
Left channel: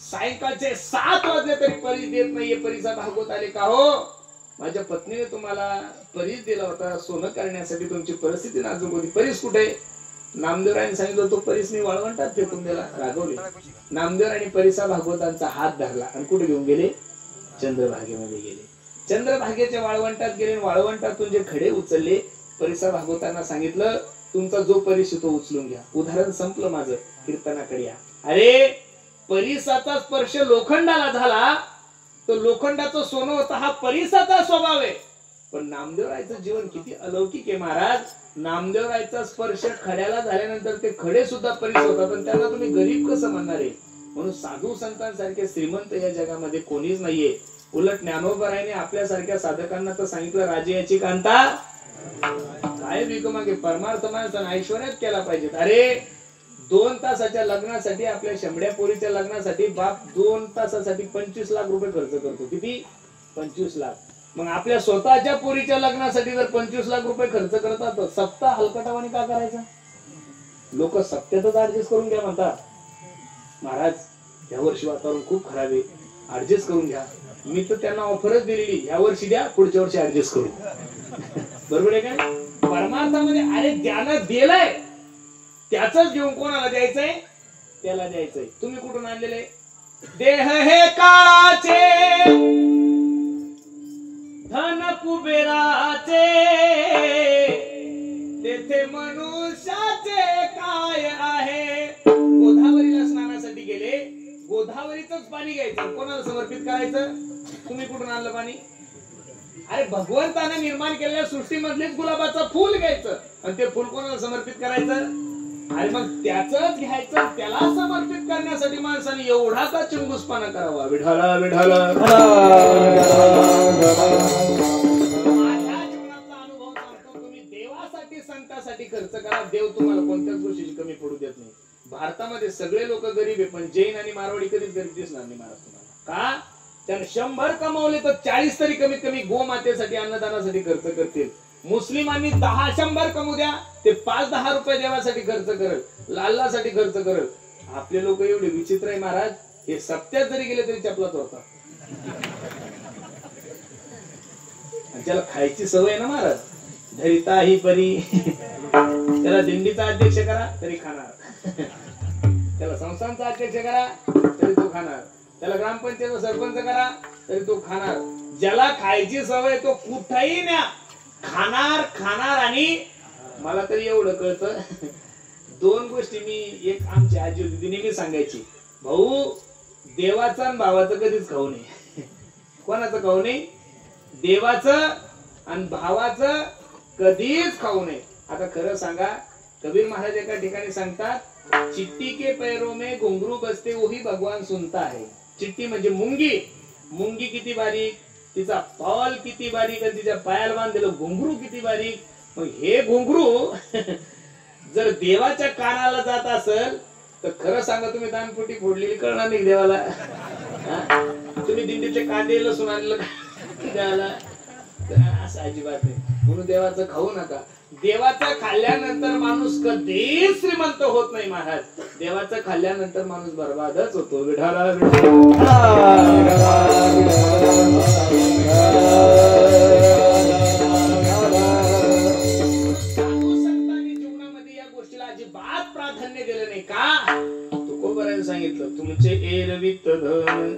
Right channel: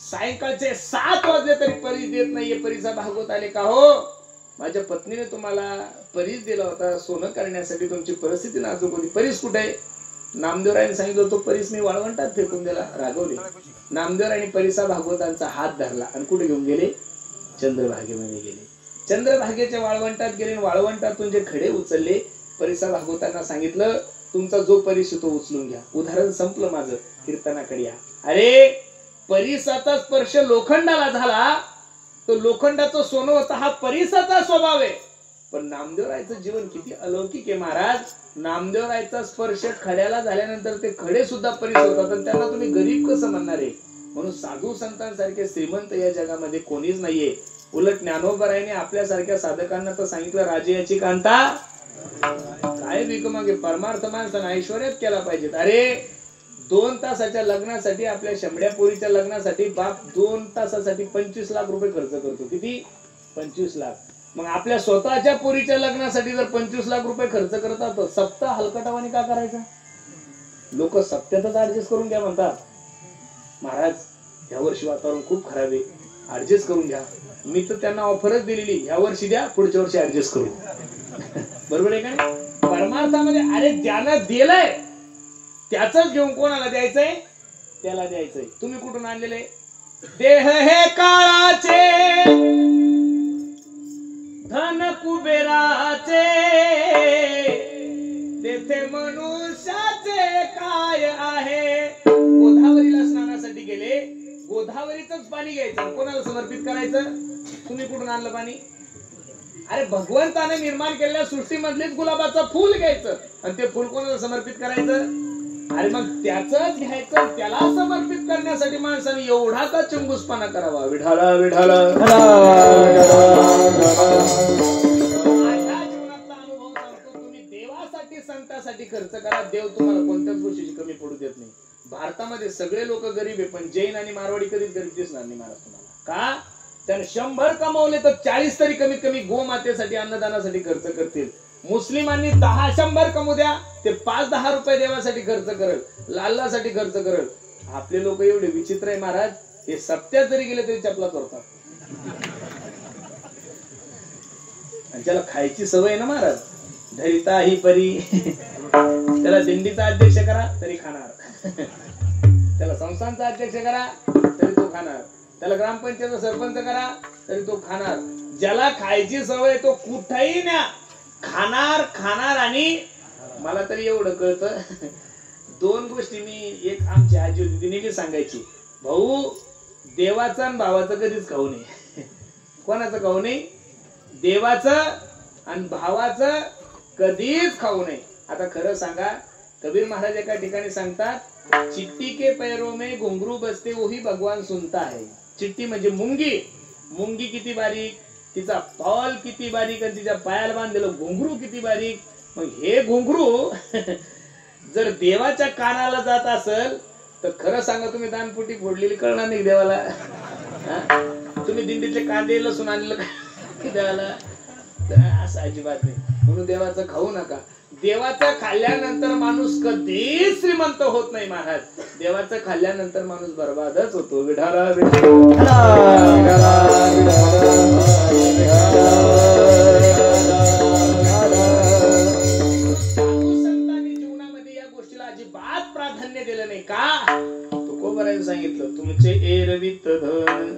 सायंकाळचे 7 वाजले तरी परीस देत नाहीये. परिसा भागवत आले. का हो? माझ्या पत्नीने तुम्हाला परीस दिला होता सोनं करण्यासाठी, तुमची परिस्थिती नाजूक होती. परीस कुठे? नामदेवरायने सांगितलं तो परीस मी वाळवंटात फेकून दिला. रागवले. नामदेवरायने परिसा भागवतांचा हात धरला आणि कुठे घेऊन गेले? चंद्रभागेमध्ये गेले. चंद्रभागेच्या वाळवंटात गेले. वाळवंटातून जे खडे उचलले, परिसा भागवतांना सांगितलं तुमचा जो परीस तो उचलून घ्या. उदाहरण संपलं माझं. कीर्तनाकडे या. अरे परिसाचा स्पर्श लोखंडाला झाला, तो लोखंडाचं सोनं होता. हा परिसाचा स्वभाव आहे. पण नामदेवरायचं जीवन किती अलौकिक आहे महाराज. नामदेवरायचा स्पर्श खड्याला झाल्यानंतर ते खडे सुद्धा परीस होतात, आणि त्यांना तुम्ही गरीब कसं म्हणणार आहे. म्हणून साधू संतांसारखे श्रीमंत या जगामध्ये कोणीच नाहीये. उलट ज्ञानोबरायाने आपल्यासारख्या साधकांना तर सांगितलं, राजे याची कांता काय भीक मागे. परमार्थ माणसानं ऐश्वर्यात केला पाहिजेत. अरे 2 तासाच्या लग्नासाठी, आपल्या शंभड्या पोरीच्या लग्नासाठी बाप 2 तासासाठी 25 लाख रुपये खर्च करतो. किती? 25 लाख. मग आपल्या स्वतःच्या पोरीच्या लग्नासाठी जर 25 लाख रुपये खर्च करतात, तर सप्ताह हलकटावानी का करायचा. लोक सप्त्यातच ऍडजस्ट करून घ्या म्हणतात. महाराज या वर्षी वातावरण खूप खराब आहे, ऍडजस्ट करून घ्या. मी तर त्यांना ऑफरच दिलेली, या वर्षी द्या, पुढच्या वर्षी ऍडजस्ट करू. बरोबर आहे का? परमार्थामध्ये अरे ज्यानं दिलंय त्याच घेऊन कोणाला द्यायचंय? त्याला द्यायचंय. तुम्ही कुठून आणलेले? देह हे काळाचे, धन कुबेराचे, तेथे मनुष्याचे काय आहे. गोदावरीला स्नानासाठी गेले, गोदावरीच पाणी घ्यायचं, कोणाला समर्पित करायचं? तुम्ही कुठून आणलं पाणी? अरे भगवंताने निर्माण केलेल्या सृष्टीमधलेच गुलाबाचं फुल घ्यायचं, आणि ते फुल कोणाला समर्पित करायचं? अरे मग त्याच घ्यायचं, त्याला समर्पित करण्यासाठी माणसाने एवढा का चिंगूसपणा करावा. विठाला विठाला. माझ्या जीवनातला अनुभव सांगतो, तुम्ही देवासाठी संतासाठी खर्च करा, देव तुम्हाला कोणत्याच गोष्टीची कमी पडू देत नाही. भारतामध्ये सगळे लोक गरीब आहे, पण जैन आणि मारवाडी कधीच गरीब दिसणार नाही महाराज तुम्हाला. का? त्याने 100 कमावले तर 40 तरी कमीत कमी गोमातेसाठी, अन्नदानासाठी खर्च करतील. मुस्लिमांनी 10-100 कमवू द्या, ते 5-10 रुपये देवासाठी खर्च करल, लाल्लासाठी खर्च करल. आपले लोक एवढे विचित्र आहे महाराज, हे सप्त्यात जरी गेले तरी चपला चोरतात. ज्याला खायची सवय आहे ना महाराज, धरिता ही परी, त्याला दिंडीचा अध्यक्ष करा तरी खाणार, त्याला संस्थांचा अध्यक्ष करा तरी तो खाणार, त्याला ग्रामपंचायत सरपंच करा तरी तो खाणार. ज्याला खायची सवय तो कुठेही न्या, खाणार खाणार. आणि मला तरी एवढं कळतं, 2 गोष्टी मी, एक आमची आजी होती ती नेहमी सांगायची, भाऊ देवाचं आणि भावाचं कधीच खाऊ नये. कोणाचं खाऊ नये? देवाचं आणि भावाचं कधीच खाऊ नये. आता खरं सांगा, कबीर महाराज एका ठिकाणी सांगतात, चिट्टी के पैरों में घुंघरू बसते वही भगवान सुनता है. चिट्टी म्हणजे मुंगी. मुंगी किती बारीक, तिचा तॉल किती बारीक, आणि तिच्या पायाला बांधलेलं घुंगरू किती बारीक. मग हे घुंगरू जर देवाच्या कानाला जात असेल तर खरं सांगा, तुम्ही दानपुटी फोडलेली कळणार नाही देवाला. तुम्ही दिंडीतले कांदे लसूण आणलं देवाला, असं अजिबात नाही. म्हणून देवाचं खाऊ नका. देवाचं खाल्ल्यानंतर माणूस कधीच श्रीमंत होत नाही महाराज. देवाचं खाल्ल्यानंतर माणूस बर्बादच होतो. विठाला जीवनामध्ये या गोष्टीला अजिबात प्राधान्य दिलं नाही. का? तुकोबराने सांगितलं, तुमचे एरवित धन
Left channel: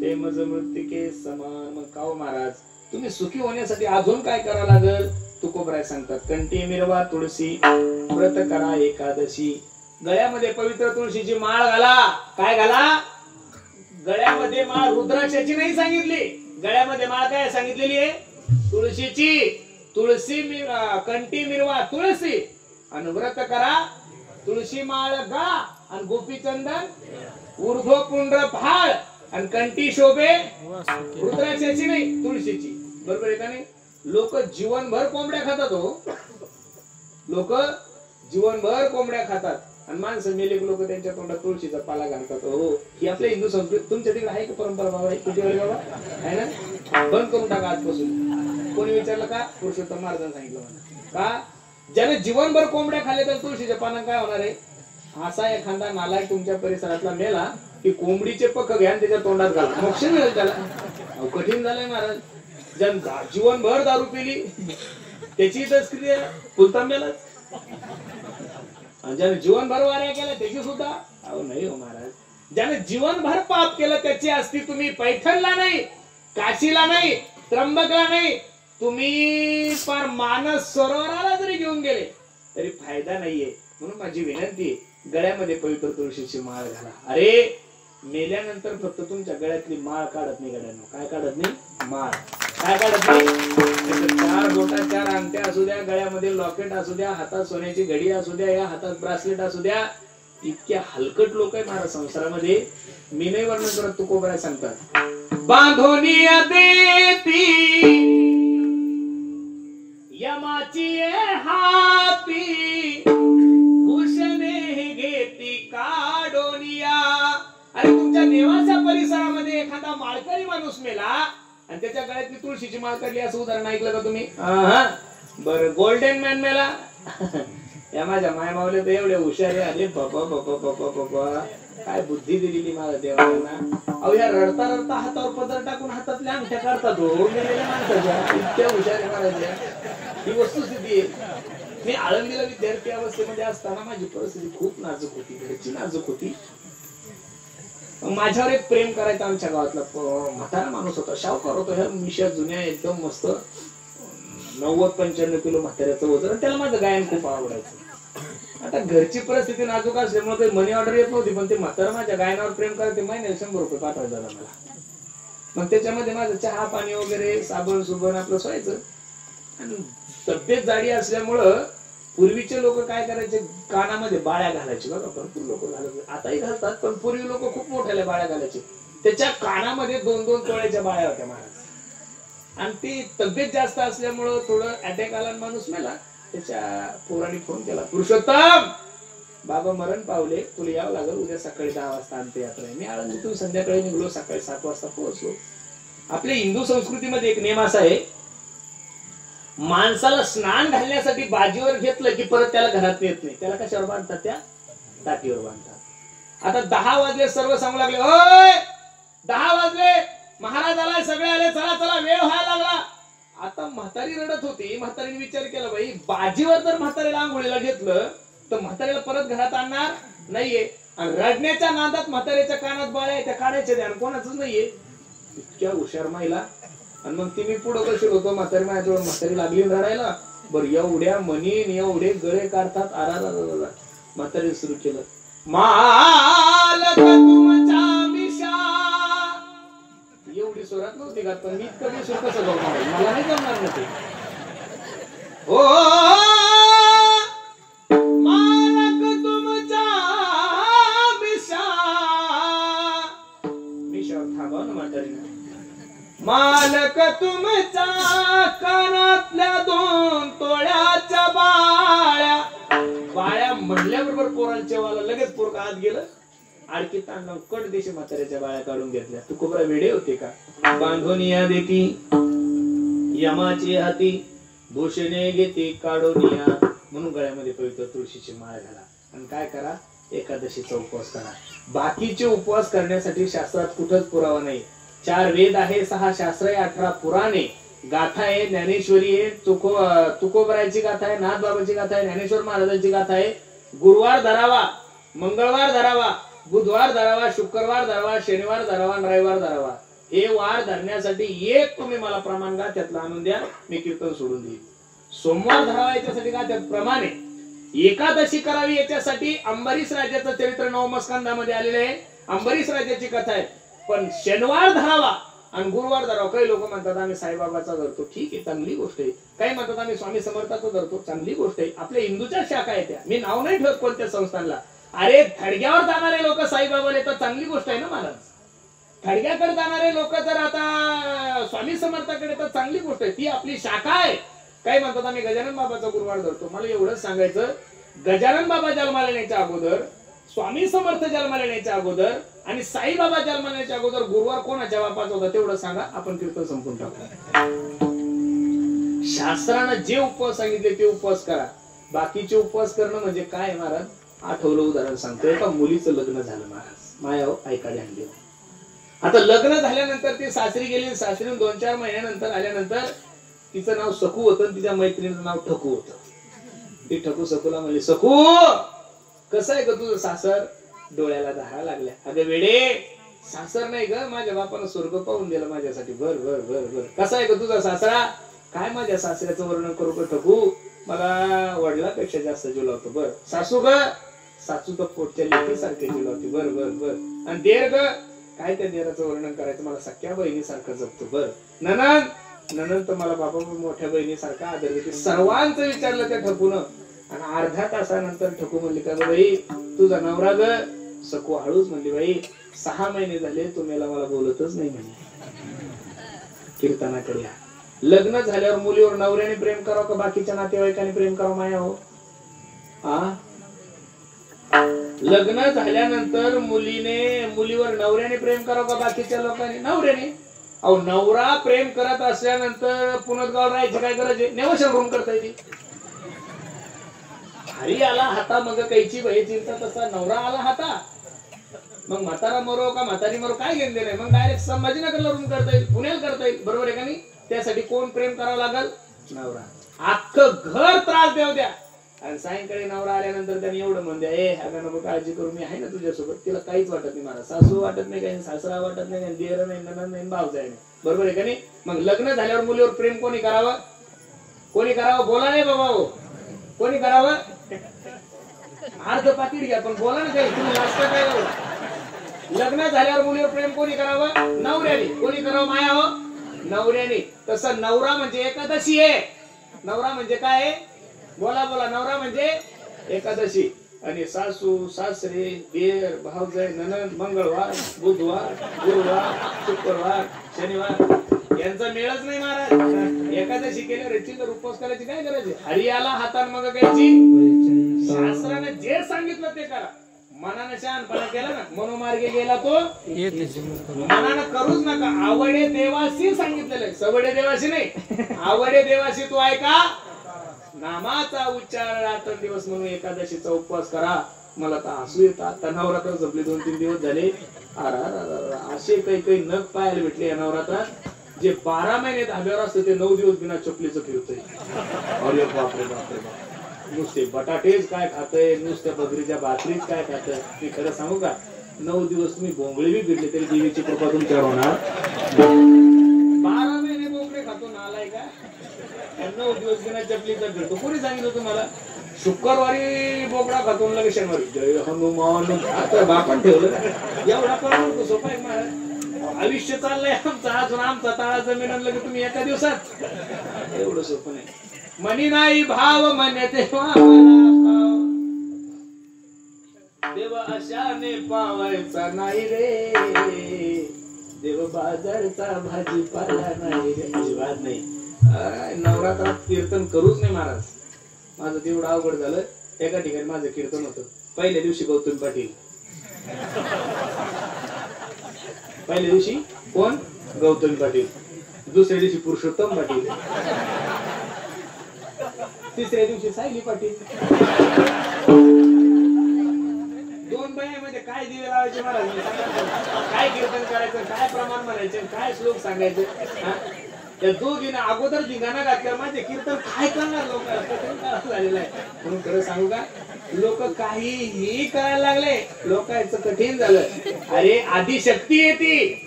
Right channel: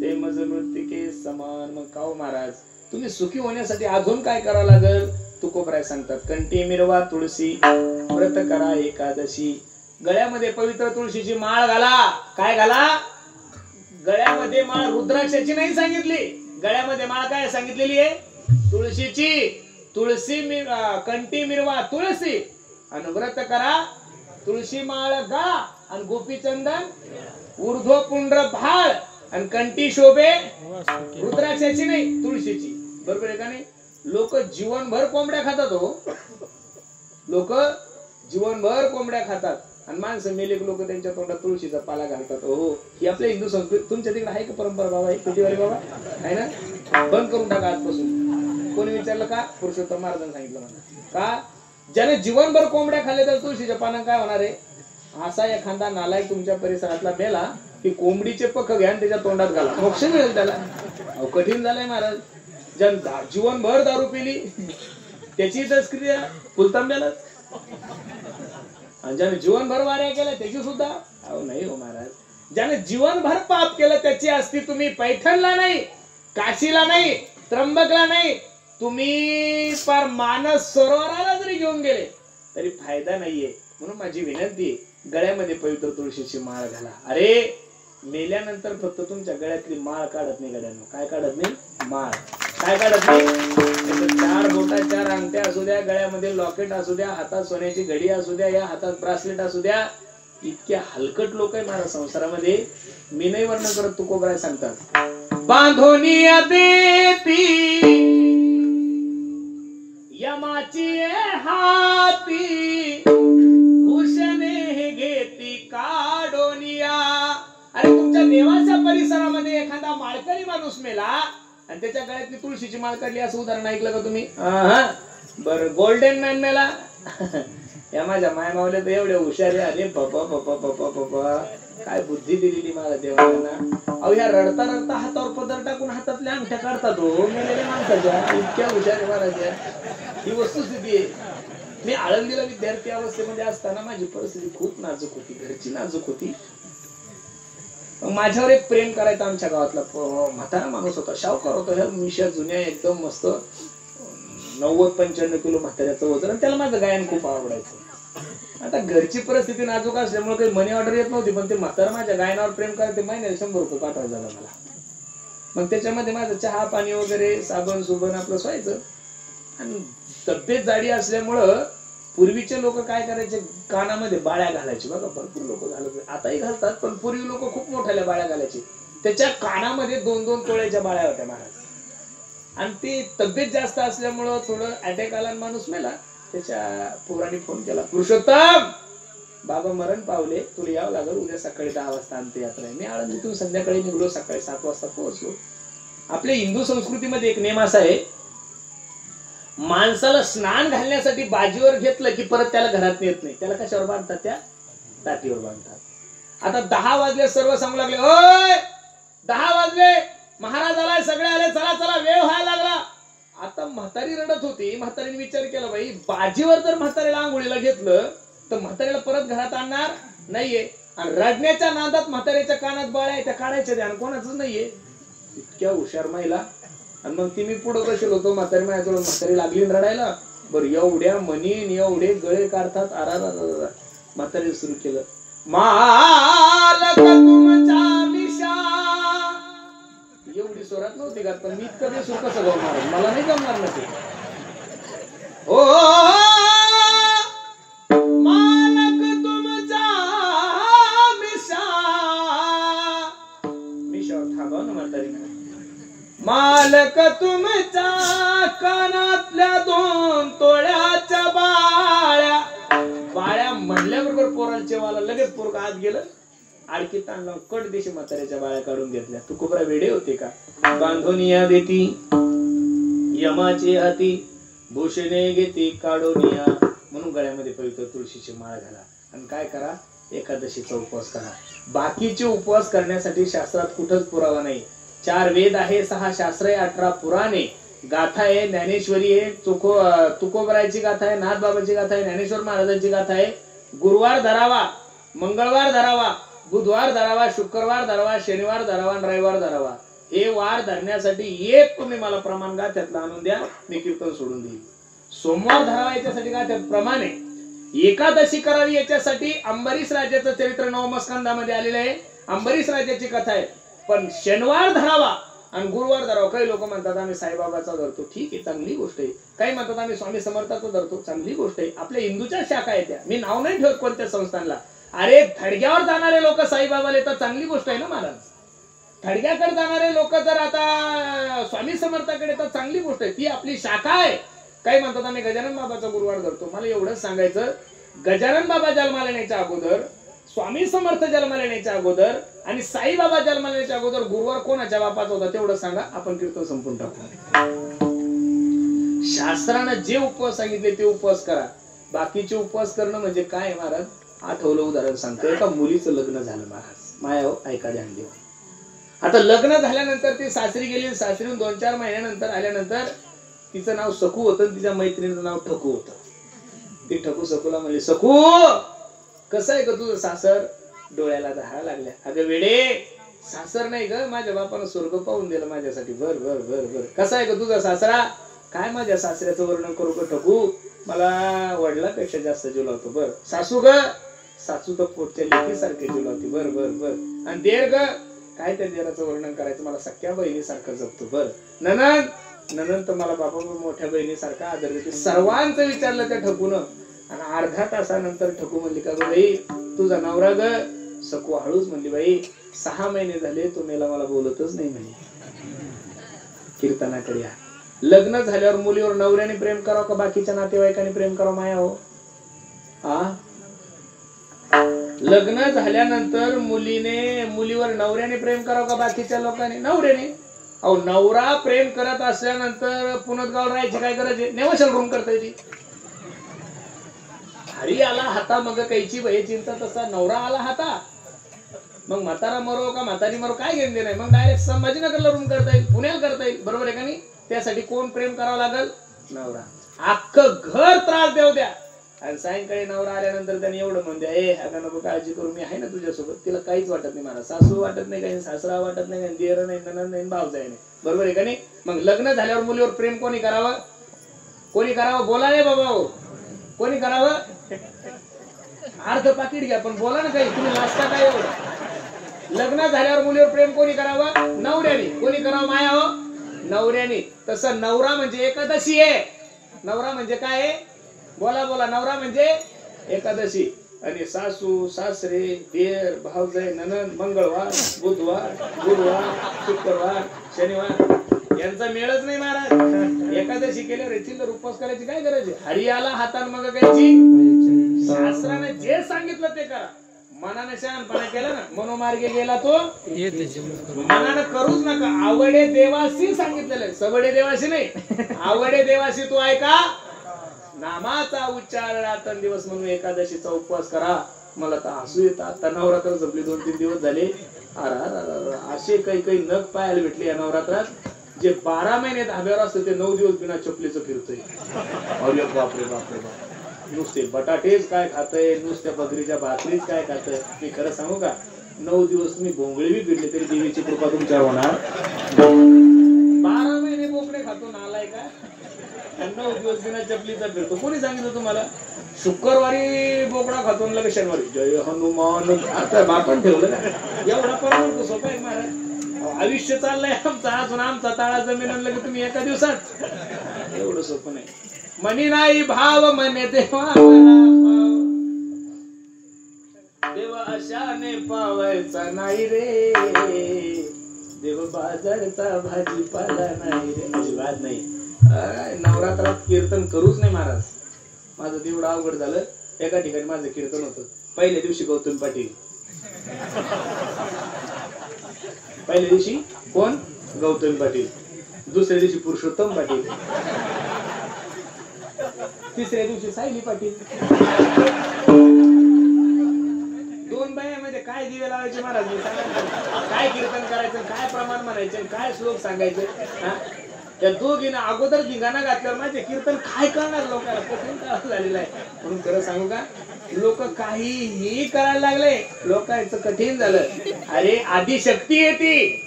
ते मज मृत्तिके समान. मग का महाराज, तुम्ही सुखी होण्यासाठी अजून काय करावं लागल? तुकोबराय सांगतात, कंठी मिरवा तुळशी, व्रत करा एकादशी, गळ्यामध्ये पवित्र तुळशीची माळ घाला. काय घाला? गळ्यामध्ये माळ रुद्राक्षाची नाही सांगितली, गळ्यामध्ये माळ काय सांगितलेली आहे? तुळशीची. तुळशी कंठी मिरवा तुळशी, आणि व्रत करा तुळशी माळ गा, आणि गोपीचंदन ऊर्ध्व पुंड्र भाळ, आणि कंठी शोभे रुद्राक्षाची नाही तुळशीची. बरोबर आहे का नाही? लोक जीवनभर कोंबड्या खातात हो, लोक जीवनभर कोंबड्या खातात, आणि माणसं मेलेक लोक त्यांच्या तोंडात तुळशीचा पाला घालतात. हो, ही आपल्या हिंदू संस्कृती. तुमच्या तिकडे आहे का परंपरा बाबा? कुठे आहे बाबा? आहे ना? बंद करून टाका आजपासून. कोणी विचारलं का? पुरुषोत्तम महाराजांनी सांगितलं मला. का? ज्याने जीवनभर कोंबड्या खाल्ल्या तर तुळशीच्या पाना काय होणार आहे? असा एखादा नालायक तुमच्या परिसरातला मेला की कोंबडीचे पक्क घ्या आणि त्याच्या तोंडात घाला, मोक्ष मिळेल त्याला. कठीण झालंय महाराज. ज्यानं जीवनभर दारू पिली त्याची क्रिया फुलतांब्यालाच, ज्याने जीवनभर वाऱ्या केल्या त्याची सुद्धा अहो नाही हो महाराज. ज्याने जीवनभर पाप केलं त्याची असती. तुम्ही पैठणला नाही, काशीला नाही, त्र्यंबकला नाही, तुम्ही पार मानस सरोवराला जरी घेऊन गेले तरी फायदा नाहीये. म्हणून माझी विनंती, गळ्यामध्ये पवित्र तुळशीची माळ घाला. अरे मेल्यानंतर फक्त तुमच्या गळ्यातली माळ काढत नाही गड्यांनो. काय काढत नाही? माळ. काय काढत नाही? त्याचं 4 बोटा 4 अंगठ्या असू द्या, गळ्यामध्ये लॉकेट असू द्या, हातात सोन्याची घडी असू द्या, या हातात ब्रासलेट असू द्या, इतक्या हलकट लोक आहे माझ्या संसारामध्ये. मी नाही वर्णन करत, तुकोबराय सांगतात. बांधोनिया देती यमाची हाती, भूषणे घेती काढोनिया. अरे तुमच्या नेवाच्या परिसरामध्ये एखादा माळकरी माणूस मेला आणि त्याच्या गळ्यातली तुळशीची माळ काढली, असं उदाहरण ऐकलं का तुम्ही? बर, गोल्डन मॅन मेला. या माझ्या माया मावल्या तर एवढे हुशार आले. बाबा बाबा बाबा बाबा, काय बुद्धी दिलेली मला देवाना. अहो या रडता रडता हातावर पदर टाकून हातातल्या अंगठ्या काढतात हो मेलेल्या माणसाच्या. इतक्या हुशार आहे महाराजा. ही वस्तुस्थिती आहे. मी आळंदीला विद्यार्थी अवस्थेमध्ये असताना माझी परिस्थिती खूप नाजूक होती, घरची नाजूक होती. माझ्यावर एक प्रेम करायचा आमच्या गावातला म्हातारा माणूस होता, शावकार होता. ह्या मिशा जुन्या एकदम मस्त 90-95 किलो म्हाताऱ्याचं वजन, आणि त्याला माझं गायन खूप आवडायचं. आता घरची परिस्थिती नाजूक असल्यामुळे काही मनी ऑर्डर येत नव्हती, पण ते म्हातारा माझ्या गायनावर प्रेम करते. महिन्याला 100 रुपये पाठवायचा मला. मग त्याच्यामध्ये माझं चहा पाणी वगैरे साबण सुबण आपलं व्हायचं. आणि तब्येत जाडी असल्यामुळं पूर्वीचे लोक काय करायचे, कानामध्ये बाळ्या घालायचे. बघा भरपूर लोक घालायचे, आताही घालतात, पण पूर्वी लोक खूप मोठ्याल्या बाळ्या घालायचे. त्याच्या कानामध्ये 2-2 तोळ्याच्या बाळ्या होत्या महाराज. आणि ती तब्येत जास्त असल्यामुळं थोडं अटॅक आला, माणूस मेला. त्याच्या पोराने फोन केला, पुरुषोत्तम बाबा मरण पावले, तुला यावं लागल, उद्या सकाळी 10 वाजता अंत्ययात्रा आहे. मी आळंदीतून संध्याकाळी निघलो, सकाळी 7 वाजता पोहोचलो. आपल्या हिंदू संस्कृतीमध्ये एक नेम असा आहे, माणसाला स्नान घालण्यासाठी बाजीवर घेतलं की परत त्याला घरात येत नाही. त्याला कशावर बांधतात? त्या ताटीवर बांधतात. आता 10 वाजले, सर्व सांगू लागले, ओय 10 वाजले, महाराज आलाय, सगळे आले, चला चला, वेळ व्हायला लागला. आता म्हातारी रडत होती. म्हातारीने विचार केला, बाई बाजीवर जर म्हातारीला आंघोळीला घेतलं तर म्हातारीला परत घरात आणणार नाहीये. आणि रडण्याच्या नादात म्हातारीच्या कानात बाळ्या त्या काढायच्या ध्यान कोणाच नाहीये. इतक्या हुशार महिला. आणि मग ती मी पुढं कशी होतो, म्हातारी माझ्याजवळ, म्हातारी लागली रडायला. बरं एवढ्या मनीन एवढे गळे काढतात. आरा म्हातारी सुरू केलं, मालक तुमचा मिशा. एवढी स्वरात नव्हती का, पण मी इतकं बेसूर कसं गावणार, मला नाही जमणार ना ते. ओ मालक तुमचा मिशा. मिशावर थांबा ना म्हातारी. मालक तुमचा कानातल्या 2 तोळ्याच्या बाळ्या. बाळ्या म्हणल्याबरोबर पोराला जेवायला लगेच पोरगा आत गेलं. आडकी तांडव कट देशी म्हाताऱ्याच्या बाळ्या काढून घेतल्या. तू कोबरा वेडे होते का? बांधोनिया देती यमाची हाती, भूषणे घेती काढोनिया. म्हणून गळ्यामध्ये पवित्र तुळशीची माळ घाला. आणि काय करा, एकादशीचा उपवास करा. बाकीचे उपवास करण्यासाठी शास्त्रात कुठंच पुरावा नाही. 4 वेद आहे, 6 शास्त्र आहे, 18 पुराणे, गाथा आहे, ज्ञानेश्वरी आहे, तुकोबरायची गाथा आहे, नाथबाबाची गाथा आहे, ज्ञानेश्वर महाराजांची गाथा आहे. गुरुवार धरावा, मंगळवार धरावा, बुधवार धरावा, शुक्रवार धरावा, शनिवार धरावा, रविवार धरावा. हे वार धरण्यासाठी एक तुम्ही मला प्रमाण गाथ्यातलं आणून द्या, मी कीर्तन सोडून देईल. सोमवार धरावा याच्यासाठी गाथ्यात प्रमाण आहे. एकादशी करावी याच्यासाठी अंबरीश राजाचं चरित्र 9 स्कंदामध्ये आलेलं आहे. अंबरीश राजाची कथा आहे. पण शनिवार धरावा आणि गुरुवार धरावा. काही लोक म्हणतात आम्ही साईबाबाचा धरतो, ठीक आहे, चांगली गोष्ट आहे. काही म्हणतात आम्ही स्वामी समर्थाचा धरतो, चांगली गोष्ट आहे. आपल्या हिंदूच्या शाखा आहेत त्या, मी नाव नाही ठेवत कोणत्या संस्थांना. अरे थडग्यावर जाणारे लोक साईबाबाला येतात, चांगली गोष्ट आहे ना महाराज. थडग्याकडे जाणारे लोक जर आता स्वामी समर्थाकडे येतात, चांगली गोष्ट आहे, ती आपली शाखा आहे. काही म्हणतात आम्ही गजानन बाबाचा गुरुवार धरतो. मला एवढंच सांगायचं, गजानन बाबा जन्माला येण्याच्या अगोदर, स्वामी समर्थ जन्माला येण्याच्या अगोदर आणि साईबाबा जन्माला येण्याच्या अगोदर गुरुवार कोणाच्या बापाचा होता तेवढं सांगा, आपण कीर्तन संपून टाकू. शास्त्रानं जे उपवास सांगितले ते उपवास करा. बाकीचे उपवास करणं म्हणजे काय महाराज? आठवलं उदाहरण सांगतो. एका मुलीचं लग्न झालं महाराज, माया ऐका ध्यान देऊ. आता लग्न झाल्यानंतर ती सासरी गेली. सासरीहून 2-4 महिन्यानंतर आल्यानंतर तिचं नाव सकू होतं, तिच्या मैत्रिणीचं नाव ठकू होतं. ती ठकू सकूला म्हणली, सकू कसं आहे ग तुझं सासर? डोळ्याला धारा लागल्या. अगं वेडे, सासर नाही ग, माझ्या बापानं स्वर्ग पाहून दिलं माझ्यासाठी. बर बर बर बर. कसा आहे ग तुझा सासरा? काय माझ्या सासऱ्याचं वर्णन करू का ठकू, मला वडिलापेक्षा जास्त जीव लावतो. बर सासू ग, सासू तर पोटच्या लेकीसारखे जीव लावते. बर बर बर. आणि देर ग, काय त्या देराचं वर्णन करायचं, मला सख्या बहिणीसारखं जपतो. बर ननंद, नंतर मला बाबा मोठ्या बहिणीसारखा आदर देते. सर्वांचं विचारलं त्या ठकून आणि अर्धा तासानंतर ठकू म्हणली का बाई तुझा नवरा ग. सकू हळूच म्हणली बाई 6 महिने झाले तुम्ही मला बोलतच नाही म्हणे. कीर्तनाकडे या. लग्न झाल्यावर मुलीवर नवऱ्याने प्रेम करावं का बाकीच्या नातेवाईकांनी प्रेम करावं माया हो? लग्न झाल्यानंतर मुलीवर नवऱ्याने प्रेम करावं का बाकीच्या लोकांनी? नवऱ्याने. अहो नवरा प्रेम करत असल्यानंतर पुनर्गाव राहायची काय गरज आहे? नेवशल रूम करता येते. हरी आला हाता मग काहीची बाई चिंता तसा नवरा आला हाता. मग म्हातारा मरो का म्हातारी मरो काय घेणं नाही. मग डायरेक्ट संभाजीनगरला रूम करता येईल, पुण्याला करता येईल. बरोबर आहे का नाही? त्यासाठी कोण प्रेम करावं लागल? नवरा. अख्खं घर त्रास देऊ द्या आणि सायंकाळी नवरा आल्यानंतर त्यांनी एवढं म्हणते ए आता नको काळजी करू मी आहे ना तुझ्यासोबत. तिला काहीच वाटत नाही. मला सासू वाटत नाही, काही सासरा वाटत नाही, काही देर नाही, नणंद नाही, भावजाई नाही. बरोबर आहे का नाही? मग लग्न झाल्यावर मुलीवर प्रेम कोणी करावं? कोणी करावं? बोला नाही बाबा हो. कोणी करावं? अर्ध पाकिट घ्या पण बोला ना काही. तुम्ही लाजता काय एवढं? लग्न झाल्यावर मुलीवर प्रेम कोणी करावं? नवऱ्याने. कोणी करावं माया हो? नवऱ्याने. तसं नवरा म्हणजे एकादशी आहे. नवरा म्हणजे काय आहे? बोला बोला. नवरा म्हणजे एकादशी. आणि सासू सासरे देर भावजाई नणंद मंगळवार बुधवार गुरुवार शुक्रवार शनिवार यांचा मेळच नाही महाराज. एकादशी केल्यावर चिल्लर उपवास करायची काय गरज आहे? हरी आला हातान मग घ्यायची. शास्त्राने जे सांगितलं ते करा. मनाने शहाणपणा केला ना मनोमार्गे गेला तो मनानं करूच नका. आवडे देवाशी सांगितलेलं, सबडे देवाशी नाही. आवडे देवाशी तू ऐका. नामाचा उच्चार रात्र दिवस म्हणून एकादशीचा उपवास करा. मला तर हसू येतं. आता नवरात्र संपली 2-3 दिवस झाले. असे काही नग पाहायला भेटले या नवरात्रात. जे 12 महिने धाब्यावर असतं ते 9 दिवस बिना चपलीचं फिरतोय. अरे बापरे बापरे बाप. नुसते बटाटेच काय खातय, नुसत्या बकरीच्या भाकरीच काय खातय. मी खरं सांगू का 9 दिवस तुम्ही भोंगळे बी फिरले तरी देवीची कृपा तुमच्यावर होणार. 12 महिने बोकडे खातो नालाय का? 9 दिवस बिना चपलीचा फिरतो. कोणी सांगितलं तुम्हाला? शुक्रवारी बोकडा खातो लगेच शनिवारी जय हनुमान. आता बापान ठेवलं ना एवढा परवडतो. सोपा आहे महाराज. आयुष्य चाललंय आमचा अजून आमचा ताळा जमीन आणलं की तुम्ही एका दिवसात. एवढं सोपं नाही. मनी नाही भाव म्हणे देवा मला देव अशाने पावायचा नाही रे. देव बाजारचा भाजीपाला नाही रे. अजिबात नाही. नवरात्रात कीर्तन करूच नाही महाराज. माझं तेवढं अवघड झालं. एका ठिकाणी माझं कीर्तन होतं. पहिल्या दिवशी गौतम पाटील. पहिल्या दिवशी कोण? गौतम पाटील. दुसऱ्या दिवशी पुरुषोत्तम पाटील. तिसऱ्या दिवशी सायली पाटील. 2 महिन्यामध्ये काय दिवे लावायचे महाराज? काय कीर्तन करायचं, काय प्रमाण म्हणायचं, काय श्लोक सांगायचे. त्या दोघीनं अगोदर धिंगाणा घातल्यावर माझे कीर्तन काय करणार लोकांना कठीण काळ झालेला आहे. म्हणून खरं सांगू का लोक काहीही करायला लागले. लोकांचं कठीण झालं. अरे आदिशक्ती आहे ती,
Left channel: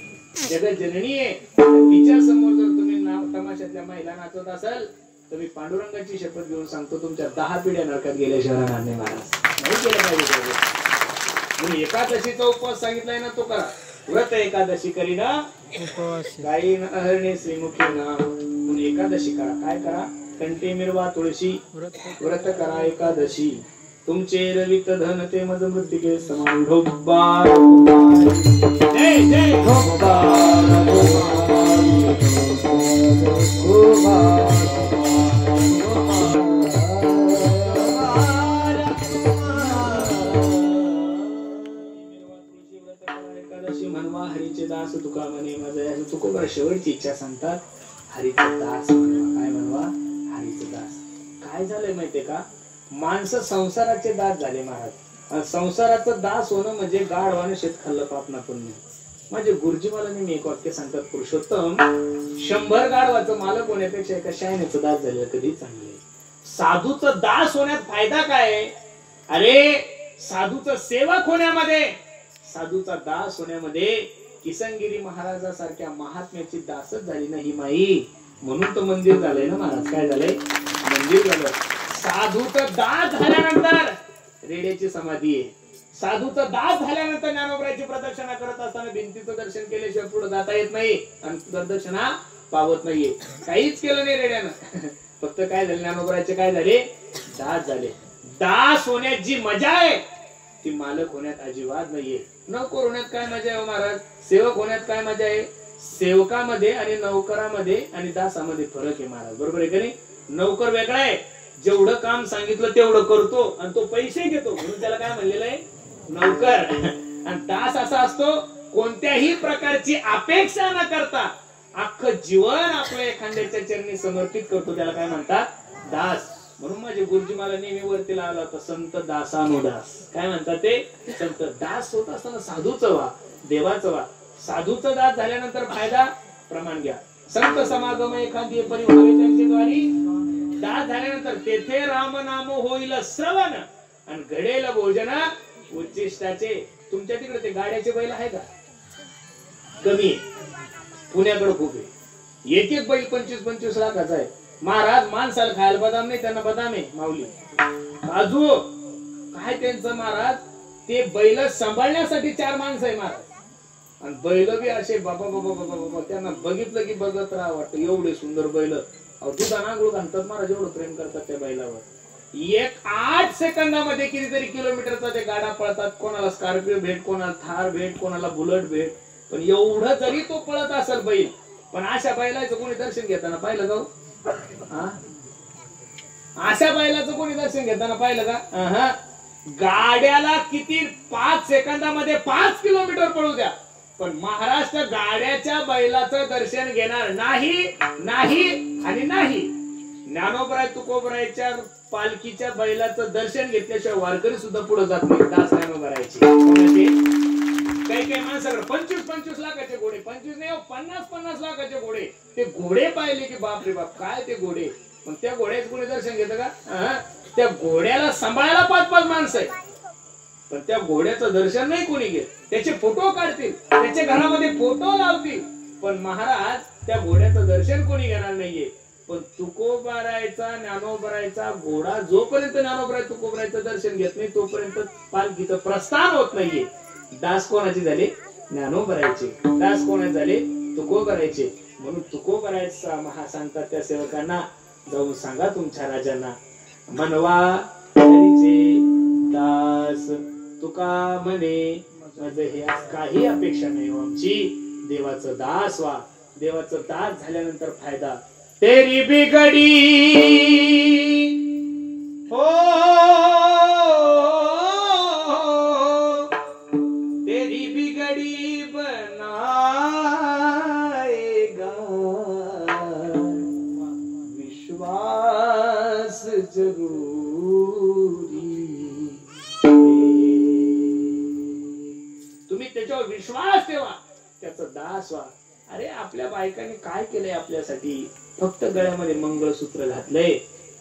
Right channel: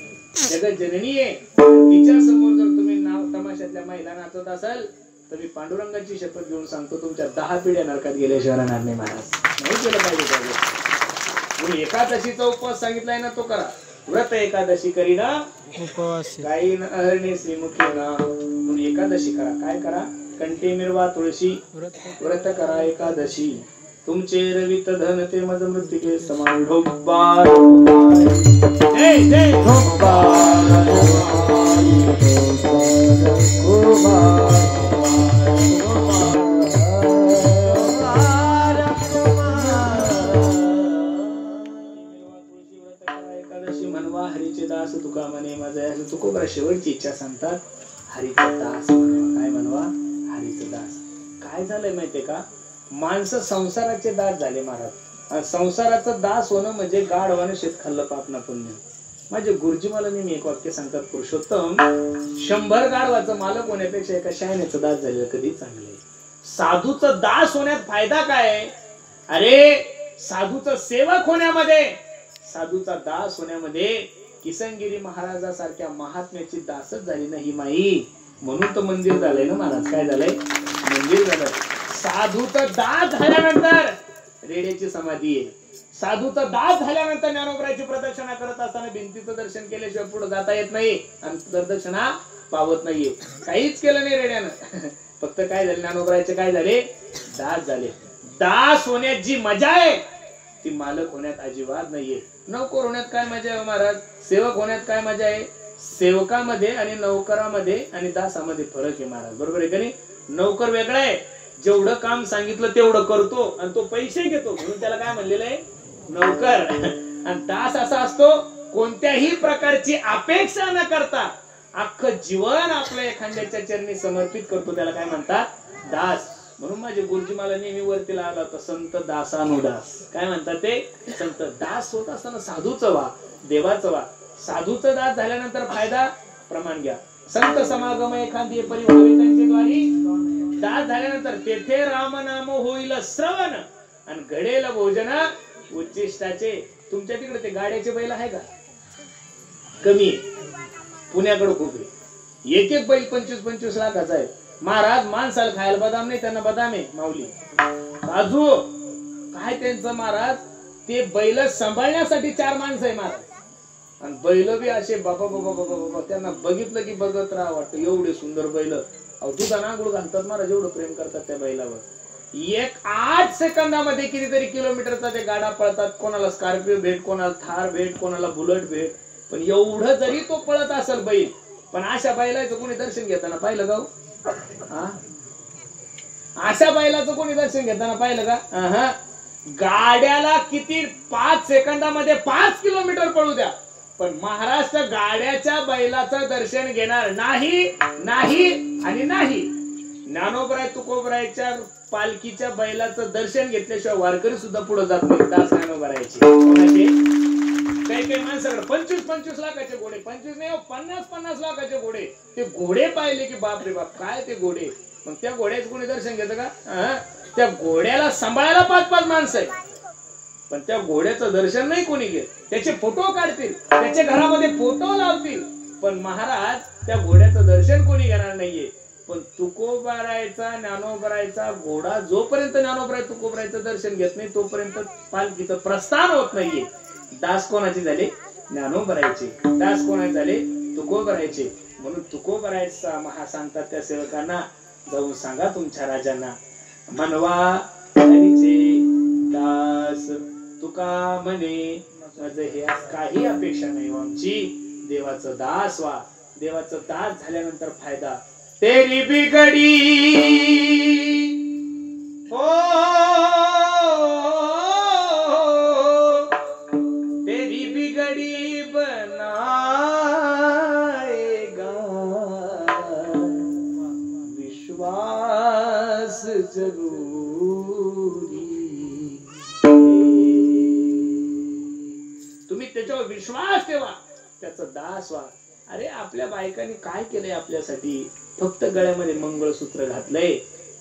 जगत जननी आहे. तिच्या समोर जर तुम्ही नाव तमाशातल्या महिला नाचत असाल तर मी पांडुरंगाची शपथ घेऊन सांगतो तुमच्या 10 पिढ्या नरकात गेल्याशिवाय राहणार नाही महाराज. नाही केलं पाहिजे. म्हणून एकादशीचा उपवास सांगितलाय ना तो करा. व्रत एकादशी करीना काही हरणे श्रीमुखी ना. म्हणून एकादशी करा. काय करा? कंठी मिरवा तुळशी व्रत करा एकादशी. तुमचे रवित धन ते मज मृत्तिके समान. ढोब्बा जय जय ढोब्बा म्हणवा. हरीचे दास तुका म्हणे माझं तुकोबर शेवटची इच्छा सांगतात. हरीचा दास म्हणवा. काय म्हणवा? हरीचे दास. काय झालंय माहितीये का? माणसं संसाराचे दास झाले महाराज. संसाराचं दास होणं म्हणजे गाढवाने शेत खाल्लं पाप ना पुण्य. माझे गुरुजी मला नेहमी एक वाक्य सांगतात. पुरुषोत्तम 100 गाढवाचं मालक होण्यापेक्षा एका शायनेचं दास झालेलं कधी चांगले. साधूचं दास होण्यात फायदा काय? अरे साधूचं सेवक होण्यामध्ये, साधूचा दास होण्यामध्ये किसनगिरी महाराजासारख्या महात्म्याची दासच झाली नाही माई. म्हणून तर मंदिर झालंय ना महाराज. काय झालंय? मंदिर झालं. साधूचं दास झाल्यानंतर रेड्याची समाधी आहे. साधूचा दास झाल्यानंतर ज्ञानोबरायची प्रदक्षिणा करत असताना भिंतीचं दर्शन केल्याशिवाय पुढे जाता येत नाही आणि प्रदक्षिणा पावत नाहीये. काहीच केलं नाही रेड्यानं. फक्त काय झाले, ज्ञानोबरायचे काय झाले, दास झाले. दास होण्यात जी मजा आहे ती मालक होण्यात अजिबात नाहीये. नोकर होण्यात काय मजा आहे महाराज, सेवक होण्यात काय मजा आहे. सेवकामध्ये आणि नौकरामध्ये आणि दासामध्ये फरक आहे महाराज, बरोबर आहे का नाही. नौकर वेगळा आहे, जेवढं काम सांगितलं तेवढं करतो आणि तो पैसे घेतो म्हणून त्याला काय म्हणलेलं आहे, नौकर. आणि दास असा असतो कोणत्याही प्रकारची अपेक्षा न करता अख्खं जीवन आपल्या एखाद्याच्या चरणी समर्पित करतो, त्याला काय म्हणतात, दास. म्हणून माझे गुरुजी मला नेहमी वरतीला आला होता, संत दासानुदास. काय म्हणतात ते, संत दास होत असताना साधूचं व्हा, देवाचं व्हा. साधूचं दास झाल्यानंतर फायदा, प्रमाण घ्या. संत समागम एखादी परिभावे त्यांच्याद्वारी. दास झाल्यानंतर तेथे रामनाम होईल श्रवण आणि घडेल भोजन उच्चिष्टाचे. तुमच्या तिकडे ते गाड्याचे बैल आहे का, कमी आहे. पुण्याकडे खूप आहे. एक एक बैल 25-25 लाखाचा आहे महाराज. माणसाला खायला बदाम नाही, त्यांना बदाम आहे माऊली, काजू, काय त्यांचं महाराज. ते बैल सांभाळण्यासाठी 4 माणसं आहे महाराज. आणि बैल बी असे बाबा बाबा बाबा बाबा, त्यांना बघितलं की बघत राहा वाटतं, एवढे सुंदर बैल. दुधाना आंघोळ घालतात महाराज, एवढं प्रेम करतात त्या बैलावर. 8 सेकंदामध्ये कितीतरी किलोमीटरचा ते गाडा पळतात. कोणाला स्कॉर्पिओ भेट, कोणाला थार भेट, कोणाला बुलेट भेट. पण एवढं जरी तो पळत असेल बैल, पण अशा बैलाचं कोणी दर्शन घेताना पाहिलं का, अशा बैलाचं कोणी दर्शन घेताना पाहिलं का. गाड्याला किती 5 सेकंदामध्ये 5 किलोमीटर पळू द्या, पण महाराष्ट्र गाड्याच्या बैलाचं दर्शन घेणार नाही, नाही आणि नाही. ज्ञानोबराय तुकोबरायच्या पालखीच्या बैलाचं दर्शन घेतल्याशिवाय वारकरी सुद्धा पुढे जात नाही. दास ज्ञानोबरायचे कोणाचे, काही माणसाकडे 25-25 लाखाचे घोडे, 25 नाही 50-50 लाखाचे घोडे. ते घोडे पाहिले की बाप रे बाप, काय ते घोडे. मग त्या घोड्याचं कोणी दर्शन घेतं का. त्या घोड्याला सांभाळायला 5-5 माणसं आहे, पण त्या घोड्याचं दर्शन नाही कोणी घेत. त्याचे फोटो काढतील, त्याच्या घरामध्ये फोटो लावतील, पण महाराज त्या घोड्याचं दर्शन कोणी घेणार नाहीये. पण तुकोबारायचा ज्ञानोबरायचा घोडा जोपर्यंत ज्ञानोबराय तुकोबरायचं दर्शन घेत नाही तोपर्यंत पालखीचं प्रस्थान होत नाहीये. दास कोणाचे झाले, ज्ञानोबरायचे. दास कोणाचे झाले, तुकोबरायचे. म्हणून तुकोबरायचा महा सांगतात त्या सेवकांना, जाऊन सांगा तुमच्या राजांना, मनवा हरीचे दास तुका म्हणे, माझं हे काही अपेक्षा नाही आमची, देवाचं दास व्हा. देवाचं दास झाल्यानंतर फायदा, तेरी बिगडी हो, तेरी बिगडी बनाएगा विश्वास जरूरी. तुम्ही त्याच्यावर विश्वास ठेवा, त्याचा दास व्हा. अरे आपल्या बायकांनी काय केलंय आपल्यासाठी, फक्त गळ्यामध्ये मंगळसूत्र घातलंय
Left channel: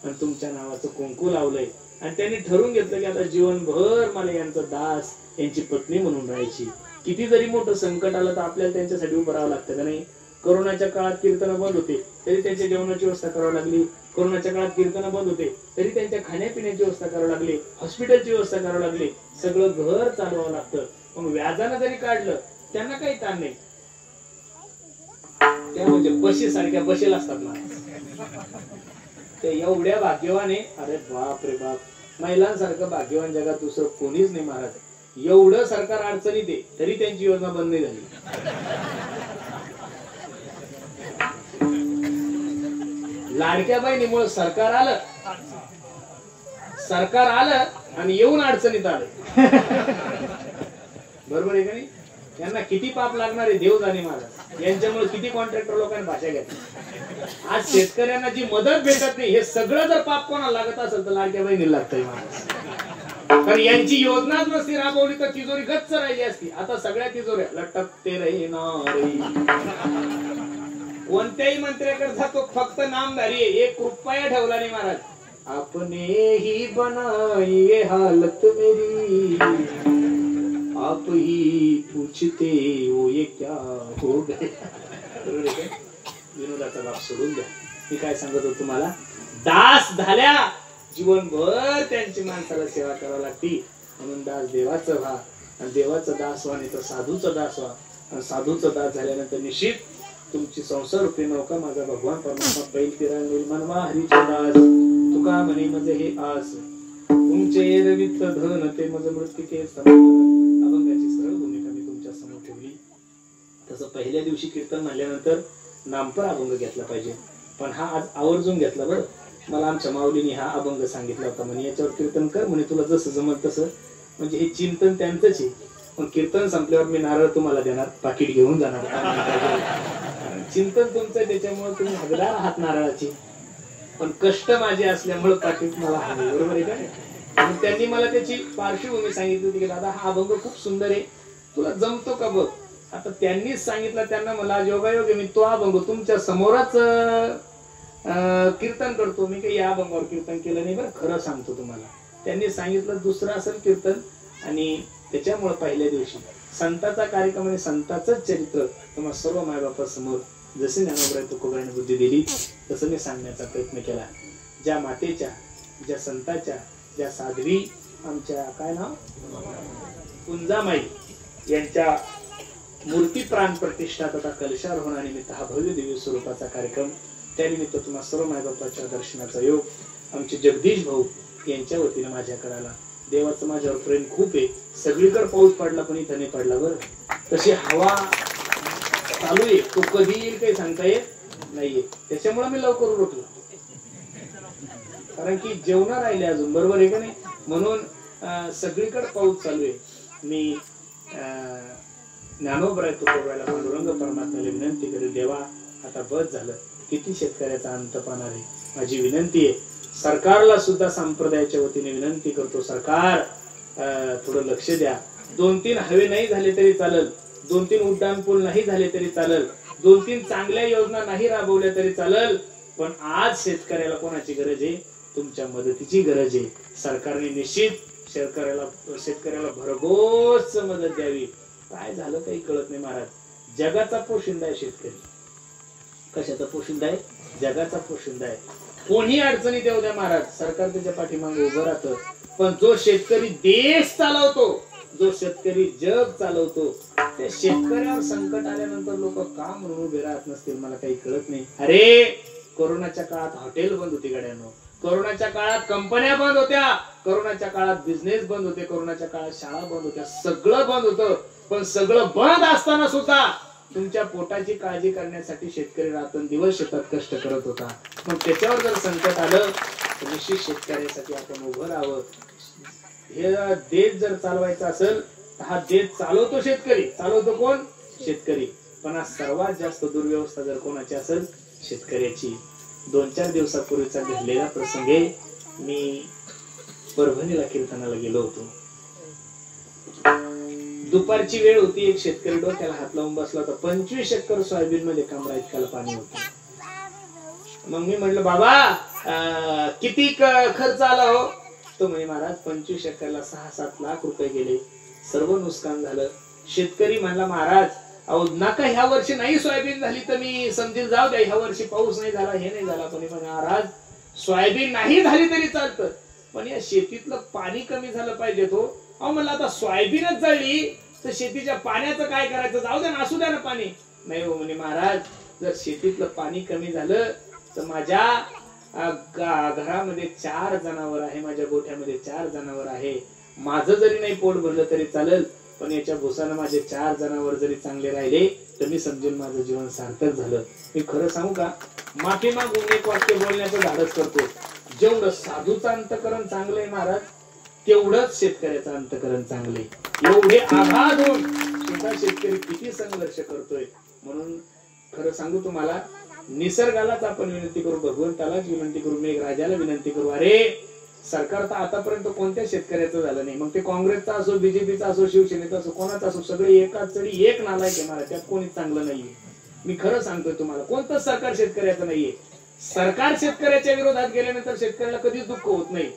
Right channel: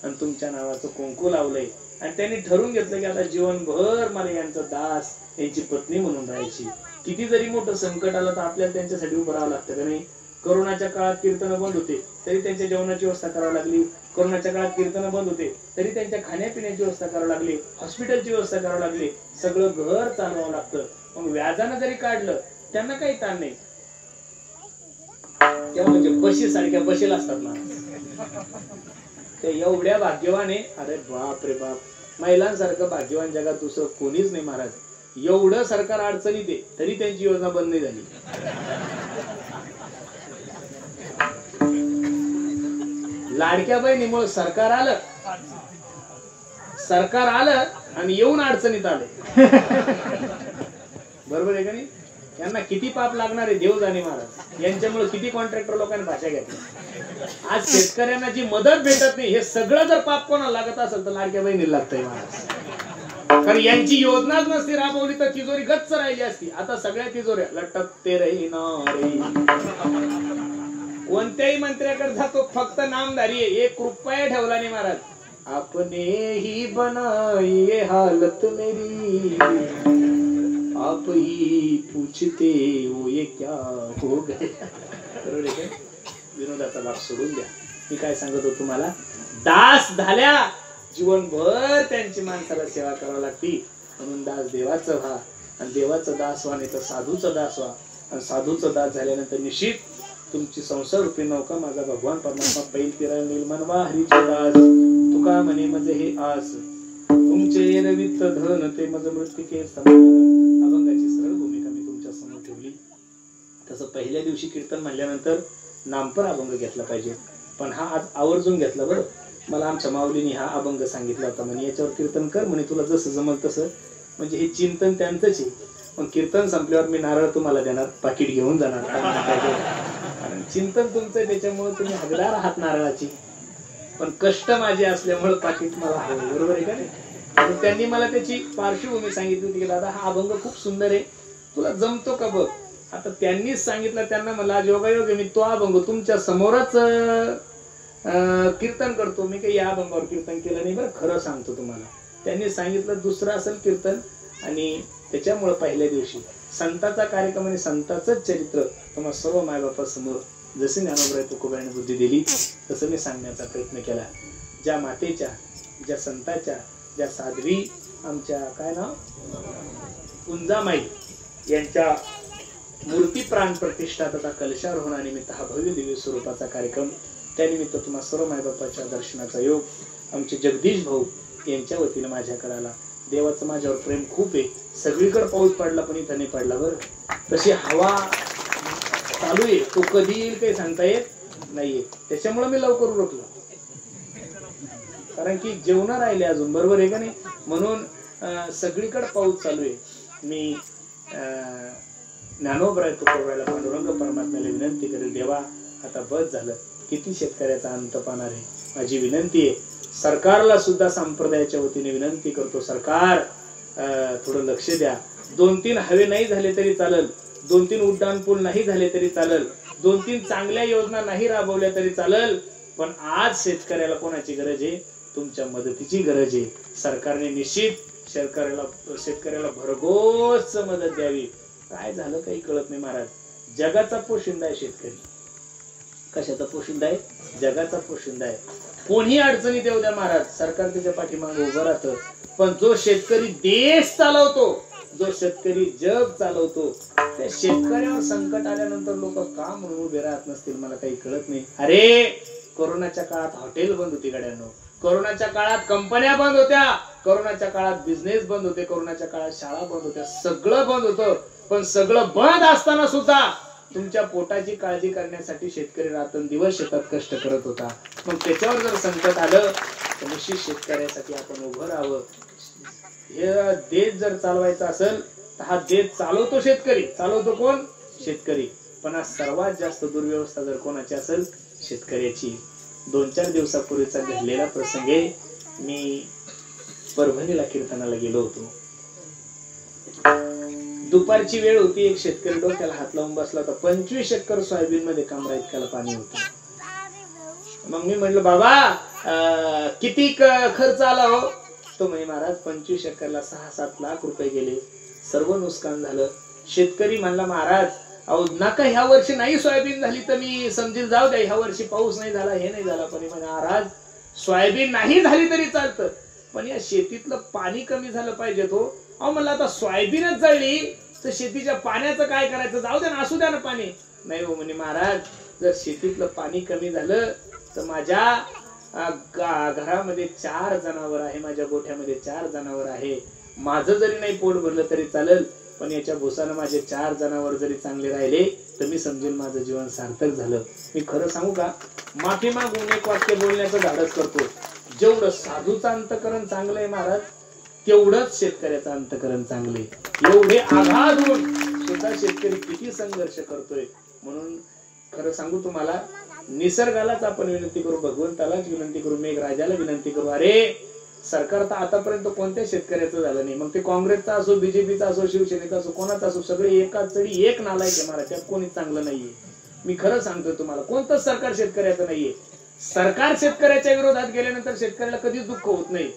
आणि तुमच्या नावाचं कुंकू लावलंय आणि त्यांनी ठरवून घेतलं की आता जीवनभर मला यांचा दास, यांची पत्नी म्हणून राहायची. किती जरी मोठं संकट आलं तर आपल्याला त्यांच्यासाठी उभं राहावं लागतं का नाही. कोरोनाच्या काळात कीर्तनं बंद होते तरी त्यांच्या जेवणाची व्यवस्था करावी लागली. कोरोनाच्या काळात कीर्तनं बंद होते तरी त्यांच्या खाण्यापिण्याची व्यवस्था करावी लागली, हॉस्पिटलची व्यवस्था करावी लागली. सगळं घर चालवावं लागतं. मग व्याजानं जरी काढलं त्यांना काही ताण नाही. तेव्हा म्हणजे बशी सारख्या बसेल असतात ना, ते एवढ्या भाग्यवान आहे. अरे बाप रे बाप, महिलांसारखं भाग्यवान जगात दुसरं कोणीच नाही महाराज. एवढं सरकार अडचणीत आहे तरी त्यांची योजना बंद नाही झाली. लाडक्या बहिणीमुळे सरकार आलं आणि येऊन अडचणीत आले. बरोबर आहे का नाही. त्यांना किती पाप लागणार आहे देव जाणे महाराज. यांच्यामुळे किती कॉन्ट्रॅक्टर लोकांनी भाषा घेतली. आज शेतकऱ्यांना जी मदत भेटत नाही, हे सगळं जर पाप कोणाला लागत असेल तर लाडक्या बहिणीला लागतंय महाराज. कारण यांची योजनाच नसती राबवली तर तिजोरी गच्च राहिली असती. आता सगळ्या तिजोऱ्या लटकते रही ना रे. कोणत्याही मंत्र्याकडे जातो फक्त नामधारी आहे, 1 रुपया ठेवला नाही महाराज. आपने ही बनाई ये हालत मेरी, आप ही पूछते हो ये क्या हो गए. बरोबर आहे. विनोदाचा भाग सोडून द्या. मी काय सांगत होतो तुम्हाला, दास झाल्या जीवनभर त्यांची माणसाला सेवा करावी लागती. म्हणून दास देवाचं व्हा आणि देवाचं दास व्हा, नाही तर साधूचं दास व्हा. आणि साधूचं दास झाल्यानंतर निश्चित तुमची संसार रूपी नौका माझा भगवान परमात्मा बैल तिरा निर्माणवा हरीचे दास. तुका म्हणे म्हणजे हे आस तुमचे रवित धन ते मज मृत्तिके अभंगाची सरळ भूमिका मी तुमच्या समोर ठेवली. तसं पहिल्या दिवशी कीर्तन म्हणल्यानंतर नामपर अभंग घेतला पाहिजे, पण हा आज आवर्जून घेतला. बरं, मला आमच्या माऊलीने हा अभंग सांगितला होता, म्हणे याच्यावर कीर्तन कर, म्हणे तुला जसं जमल तसं. म्हणजे हे चिंतन त्यांचंच आहे, पण कीर्तन संपल्यावर मी नारळ तुम्हाला देणार, पाकिट घेऊन जाणार. कारण चिंतन तुमचं, त्याच्यामुळे तुम्ही हकदार आहात नारळाची, पण कष्ट माझे असल्यामुळे पाकिट मला हवे. बरोबर आहे का नाही? आणि त्यांनी मला त्याची पार्श्वभूमी सांगितली होती की दादा हा अभंग खूप सुंदर आहे, तुला जमतो का बघ. आता त्यांनीच सांगितलं, त्यांना मला योगायोग आहे, मी तो अभंग तुमच्या समोरच कीर्तन करतो. मी काही या अभंगावर कीर्तन केलं नाही बरं, खरं सांगतो तुम्हाला. त्यांनी सांगितलं दुसरं असेल कीर्तन, आणि त्याच्यामुळे पहिल्या दिवशी संताचा कार्यक्रम आणि संताचंच चरित्र तुम्हाला सर्व मायबापासमोर जसे ज्ञानोबराय तुकोबाराने बुद्धी दिली तसं मी सांगण्याचा प्रयत्न केला. ज्या मातेच्या, ज्या संताच्या, ज्या साध्वी आमच्या काय नाव कुंजामाई यांच्या मूर्ती प्राण प्रतिष्ठा तथा कलशार होण्यानिमित्त हा भव्य दिव्य स्वरूपाचा कार्यक्रम, त्यानिमित्त तुम्हा सर्व मायबापाच्या दर्शनाचा योग आमचे जगदीश भाऊ यांच्या वतीने माझ्याकडे आला. देवाचं माझ्यावर प्रेम खूप आहे. सगळीकडे पाऊस पडला पण इथं नाही पडला. बरं, तशी हवा चालू आहे, तो कधी येईल काही सांगता येत नाहीये. त्याच्यामुळे मी लवकर उरकलो, कारण की जेवण राहिले अजून. बरोबर आहे का नाही? म्हणून सगळीकडे पाऊस चालू आहे. मी ज्ञानोबराय तुकोबारायला पांडुरंग परमात्म्याला विनंती करेल, देवा आता बस झालं, किती शेतकऱ्याचा अंत पाहणार आहे. माझी विनंती आहे, सरकारला सुद्धा संप्रदायाच्या वतीने विनंती करतो, सरकार थोडं लक्ष द्या. 2-3 हवे नाही झाले तरी चालेल, 2-3 उड्डाण पूल नाही झाले तरी चालेल, 2-3 चांगल्या योजना नाही राबवल्या तरी चालेल, पण आज शेतकऱ्याला कोणाची गरज आहे? तुमच्या मदतीची गरज आहे. सरकारने निश्चित शेतकऱ्याला भरघोस मदत द्यावी. काय झालं काही कळत नाही महाराज. जगाचा पोशिंदा आहे शेतकरी. कशाचा पोशिंदा आहे? जगाचा पोशिंदा आहे. कोणी अडचणीत येऊ द्या महाराज, सरकार त्याच्या पाठीमागे उभं राहतं. पण जो शेतकरी देश चालवतो, जो शेतकरी जग चालवतो, त्या शेतकऱ्यावर संकट आल्यानंतर लोक का म्हणून उभे राहत नसतील मला काही कळत नाही. अरे कोरोनाच्या काळात हॉटेल बंद होती गड्यानो, कोरोनाच्या काळात कंपन्या बंद होत्या, कोरोनाच्या काळात बिझनेस बंद होते, कोरोनाच्या काळात शाळा बंद होत्या, सगळं बंद होतं. पण सगळं बंद असताना सुद्धा तुमच्या पोटाची काळजी करण्यासाठी शेतकरी रात्रंदिवस शेतात कष्ट करत होता. पण त्याच्यावर जर संकट आलं तर निश्चित शेतकऱ्यासाठी आपण उभं राहावं. हे देश जर चालवायचा असेल तर हा देश चालवतो शेतकरी. चालवतो कोण? शेतकरी. पण आज सर्वात जास्त दुर्व्यवस्था जर कोणाची असेल, शेतकऱ्याची. 2-4 दिवसापूर्वीचा घडलेला प्रसंग आहे. मी परभणीला कीर्तनाला गेलो होतो. दुपारची वेळ होती. एक शेतकरी डोक्याला हात लावून बसला होता. 25 एकर सोयाबीन मध्ये कमरा इतक्याला पाणी होतं. मग मी म्हटलं बाबा किती खर्च आला हो? तो म्हणे महाराज 25 एकरला 6-7 लाख रुपये गेले, सर्व नुकसान झालं. शेतकरी म्हणला महाराज अहो नका, ह्या वर्षी नाही सोयाबीन झाली तर मी समजेल, जाऊ द्या, ह्या वर्षी पाऊस नाही झाला, हे नाही झाला. पण महाराज सोयाबीन नाही झाली तरी चालतं, पण या शेतीतलं पाणी कमी झालं पाहिजे. तो अहो मला आता सोयाबीनच जळली तर शेतीच्या पाण्याचं काय करायचं? जाऊ द्या ना, असू द्या ना पाणी. नाही हो म्हणे महाराज, जर शेतीतलं पाणी कमी झालं तर माझ्या घरामध्ये 4 जनावर आहे, माझ्या गोठ्यामध्ये 4 जनावर आहे. माझं जरी नाही पोट भरलं तरी चालेल, पण याच्या भुसानं माझे 4 जनावर जरी चांगले राहिले तर मी समजेन माझं जीवन सार्थक झालं. मी खरं सांगू का, माफी मागून एक वाक्य बोलण्याचं धाडस करतो. जेवढं साधूचं अंतकरण चांगलं आहे महाराज, तेवढंच शेतकऱ्याचं अंतकरण चांगले. एवढे आघात होऊन सुद्धा शेतकरी किती संघर्ष करतोय. म्हणून खरं सांगू तुम्हाला, निसर्गालाच आपण विनंती करू, भगवंतालाच विनंती करू, मेघराजाला विनंती करू. अरे सरकार तर आतापर्यंत कोणत्या शेतकऱ्याचं झालं नाही. मग ते काँग्रेसचा असो, बीजेपीचा असो, शिवसेनेचा असो, कोणाचा असो, सगळे एकाच चढी एक नालायक आहे महाराज. त्यात कोणीच चांगलं नाहीये. मी खरं सांगतोय तुम्हाला, कोणतंच सरकार शेतकऱ्याचं नाहीये. सरकार शेतकऱ्याच्या विरोधात गेल्यानंतर शेतकऱ्याला कधीच दुःख होत नाही.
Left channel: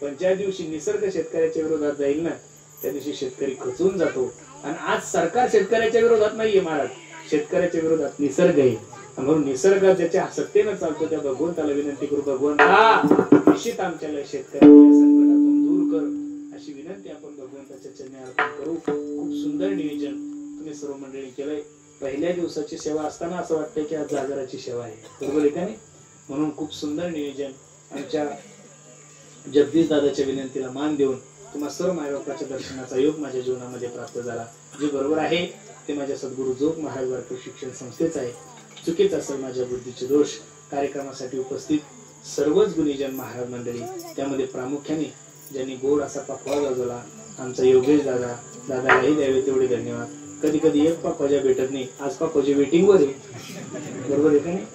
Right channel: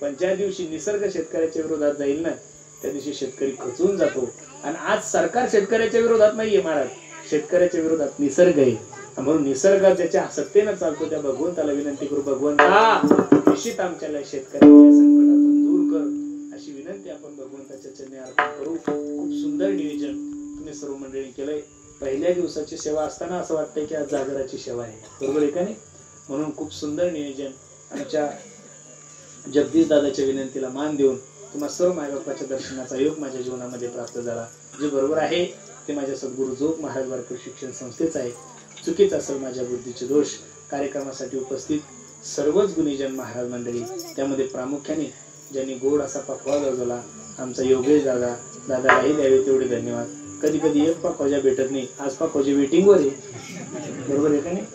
पण ज्या दिवशी निसर्ग शेतकऱ्याच्या विरोधात जाईल ना, त्या दिवशी शेतकरी खचून जातो. आणि आज सरकार शेतकऱ्याच्या विरोधात नाहीये महाराज, शेतकऱ्याच्या विरोधात निसर्ग आहे. म्हणून निसर्ग ज्याच्या सत्तेनं चालतो त्या भगवंताला विनंती करू, भगवंता निश्चित आमच्याला शेतकऱ्याच्या संकटातून दूर कर. अशी विनंती आपण भगवंताच्या चरणी अर्पण करू. खूप सुंदर नियोजन तुम्ही सर्व मंडळी केलंय. पहिल्या दिवसाची सेवा असताना असं वाटतंय की आज जागराची सेवा आहे, बरोबर आहे का नाही? म्हणून खूप सुंदर नियोजन. आमच्या जगदीश दादाच्या विनंतीला मान देऊन तुम्हा सर्व मायबापाच्या दर्शनाचा योग माझ्या जीवनामध्ये प्राप्त झाला. जे बरोबर आहे ते माझ्या सद्गुरू जोग महाराज वारकरी शिक्षण संस्थेच आहे. चुकीचा असेल माझ्या बुद्धीचे दोष. कार्यक्रमासाठी उपस्थित सर्वच गुणीजन महाराज मंडळी, त्यामध्ये प्रामुख्याने ज्यांनी गोड असा पकवा गाजवला आमचा योगेश दादा, दादालाही द्यावे तेवढे धन्यवाद. कधी कधी एक पकवाजा भेटत नाही, आज पकवाजे वेटिंग वर आहे, बरोबर आहे का नाही?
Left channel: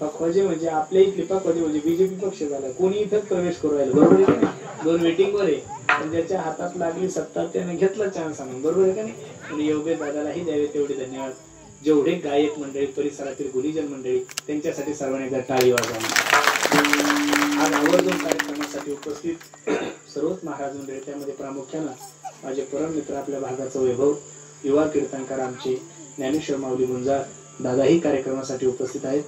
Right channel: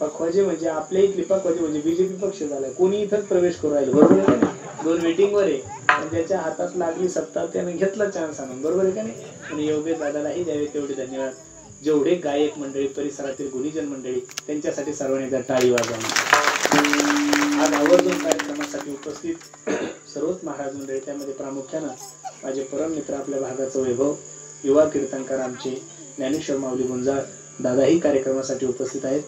पकवाजे म्हणजे आपल्या इथले पकवाजे म्हणजे बीजेपी पक्ष झाला, कोणी इथंच प्रवेश करू राहिलं, बरोबर आहे का नाही? 2 वेटिंग वर आहे, पण ज्याच्या हातात लागली सत्ता त्याने घेतला चान्स आणून, बरोबर आहे का नाही? आणि योगेश दादालाही द्यावे तेवढे धन्यवाद. जेवढे गायक मंडळी, परिसरातील गुणीजन मंडळी, त्यांच्यासाठी सर्वांनी एकदा टाळी वाजवली. आज आवर्जून कार्यक्रमासाठी उपस्थित सर्वच महाराज मंडळी, त्यामध्ये प्रामुख्यानं माझे परम मित्र आपल्या भागाचा वैभव युवा कीर्तनकार आमचे ज्ञानेश्वर माऊली गुंजाळ दादाही कार्यक्रमासाठी उपस्थित आहेत.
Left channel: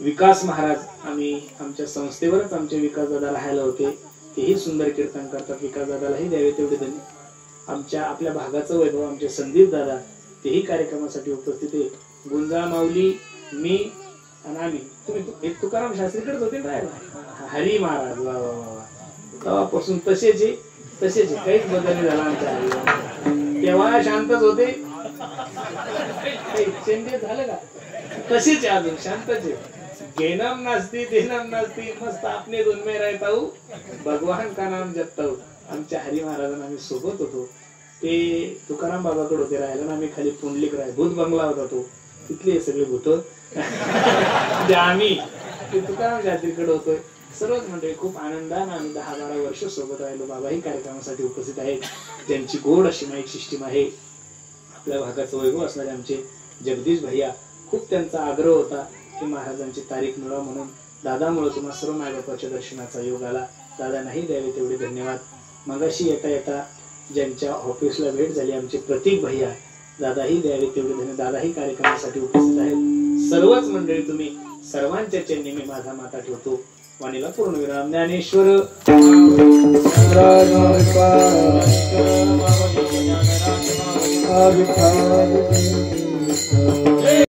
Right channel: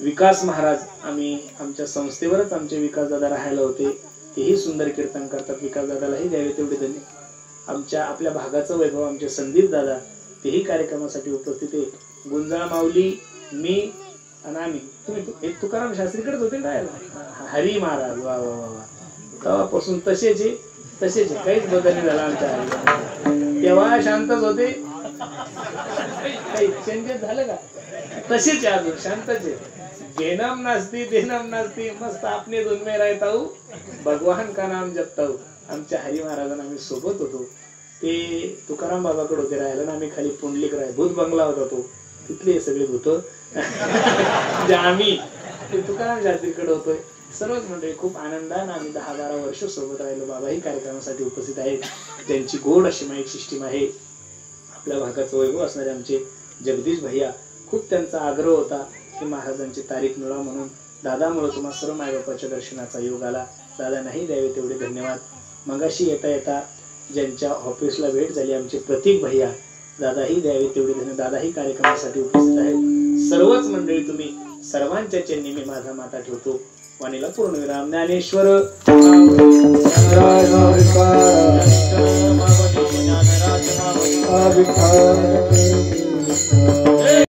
विकास महाराज, आम्ही आमच्या संस्थेवरच आमचे विकास दादा राहायला होते, तेही सुंदर कीर्तन करतात. विकास दादालाही द्यावे तेवढे धन्यवाद. आमच्या आपल्या भागाचं वैभव आमचे संदीप दादा, तेही कार्यक्रमासाठी उपस्थित आहे. गुंजाळ माऊली, मी आणि आम्ही. तुम्ही तुकाराम शास्त्रीकडेच होते राहायला. हरी महाराज, वा वा वा, तेव्हापासून तसेच काहीच बदल नाही झाला आमच्या हरी. तेव्हा शांतच होते, काही चेंजेस झालं का? तसेच अजून शांतच आहे. घेनम नास्ती देनम नास्ती, मस्त आपने दोन में रहता हूं, भगवान का नाम जपता हूं. आमच्या हरी महाराजांना आम्ही सोबत होतो. ते तुकाराम बाबाकडे होते राहायला ना, आम्ही खाली पुंडलिक राहाय, भूत बंगला होता तो, तिथले सगळे भूत. आम्ही ते तुकाराम शास्त्रीकडे होतोय. सर्वच मंडळी खूप आनंदाने आम्ही 10-12 वर्ष सोबत राहिलो. बाबाही कार्यक्रमासाठी उपस्थित आहेत. त्यांची गोड अशी माईक सिस्टीम आहे. आपल्या भागाचं वैभव असणारे आमचे जगदीश भैया, खूप त्यांचा आग्रह होता की महाराजांची तारीख मिळवा, म्हणून दादामुळे तुम्हा सर्व मायबापाच्या दर्शनाचा योग आला. दादांनाही द्यावे तेवढे धन्यवाद. मगाशी येता येता ज्यांच्या ऑफिसला भेट झाली आमचे प्रतीक भैया, दादाही द्यावे तेवढे धन्यवाद. दादाही कार्यक्रमासाठी उपस्थित आहेत. सर्वच मंडळी, तुम्ही सर्वांच्या चरणी मी माझा माता ठेवतो. वाणीला पूर्णविराम. ज्ञानेश्वर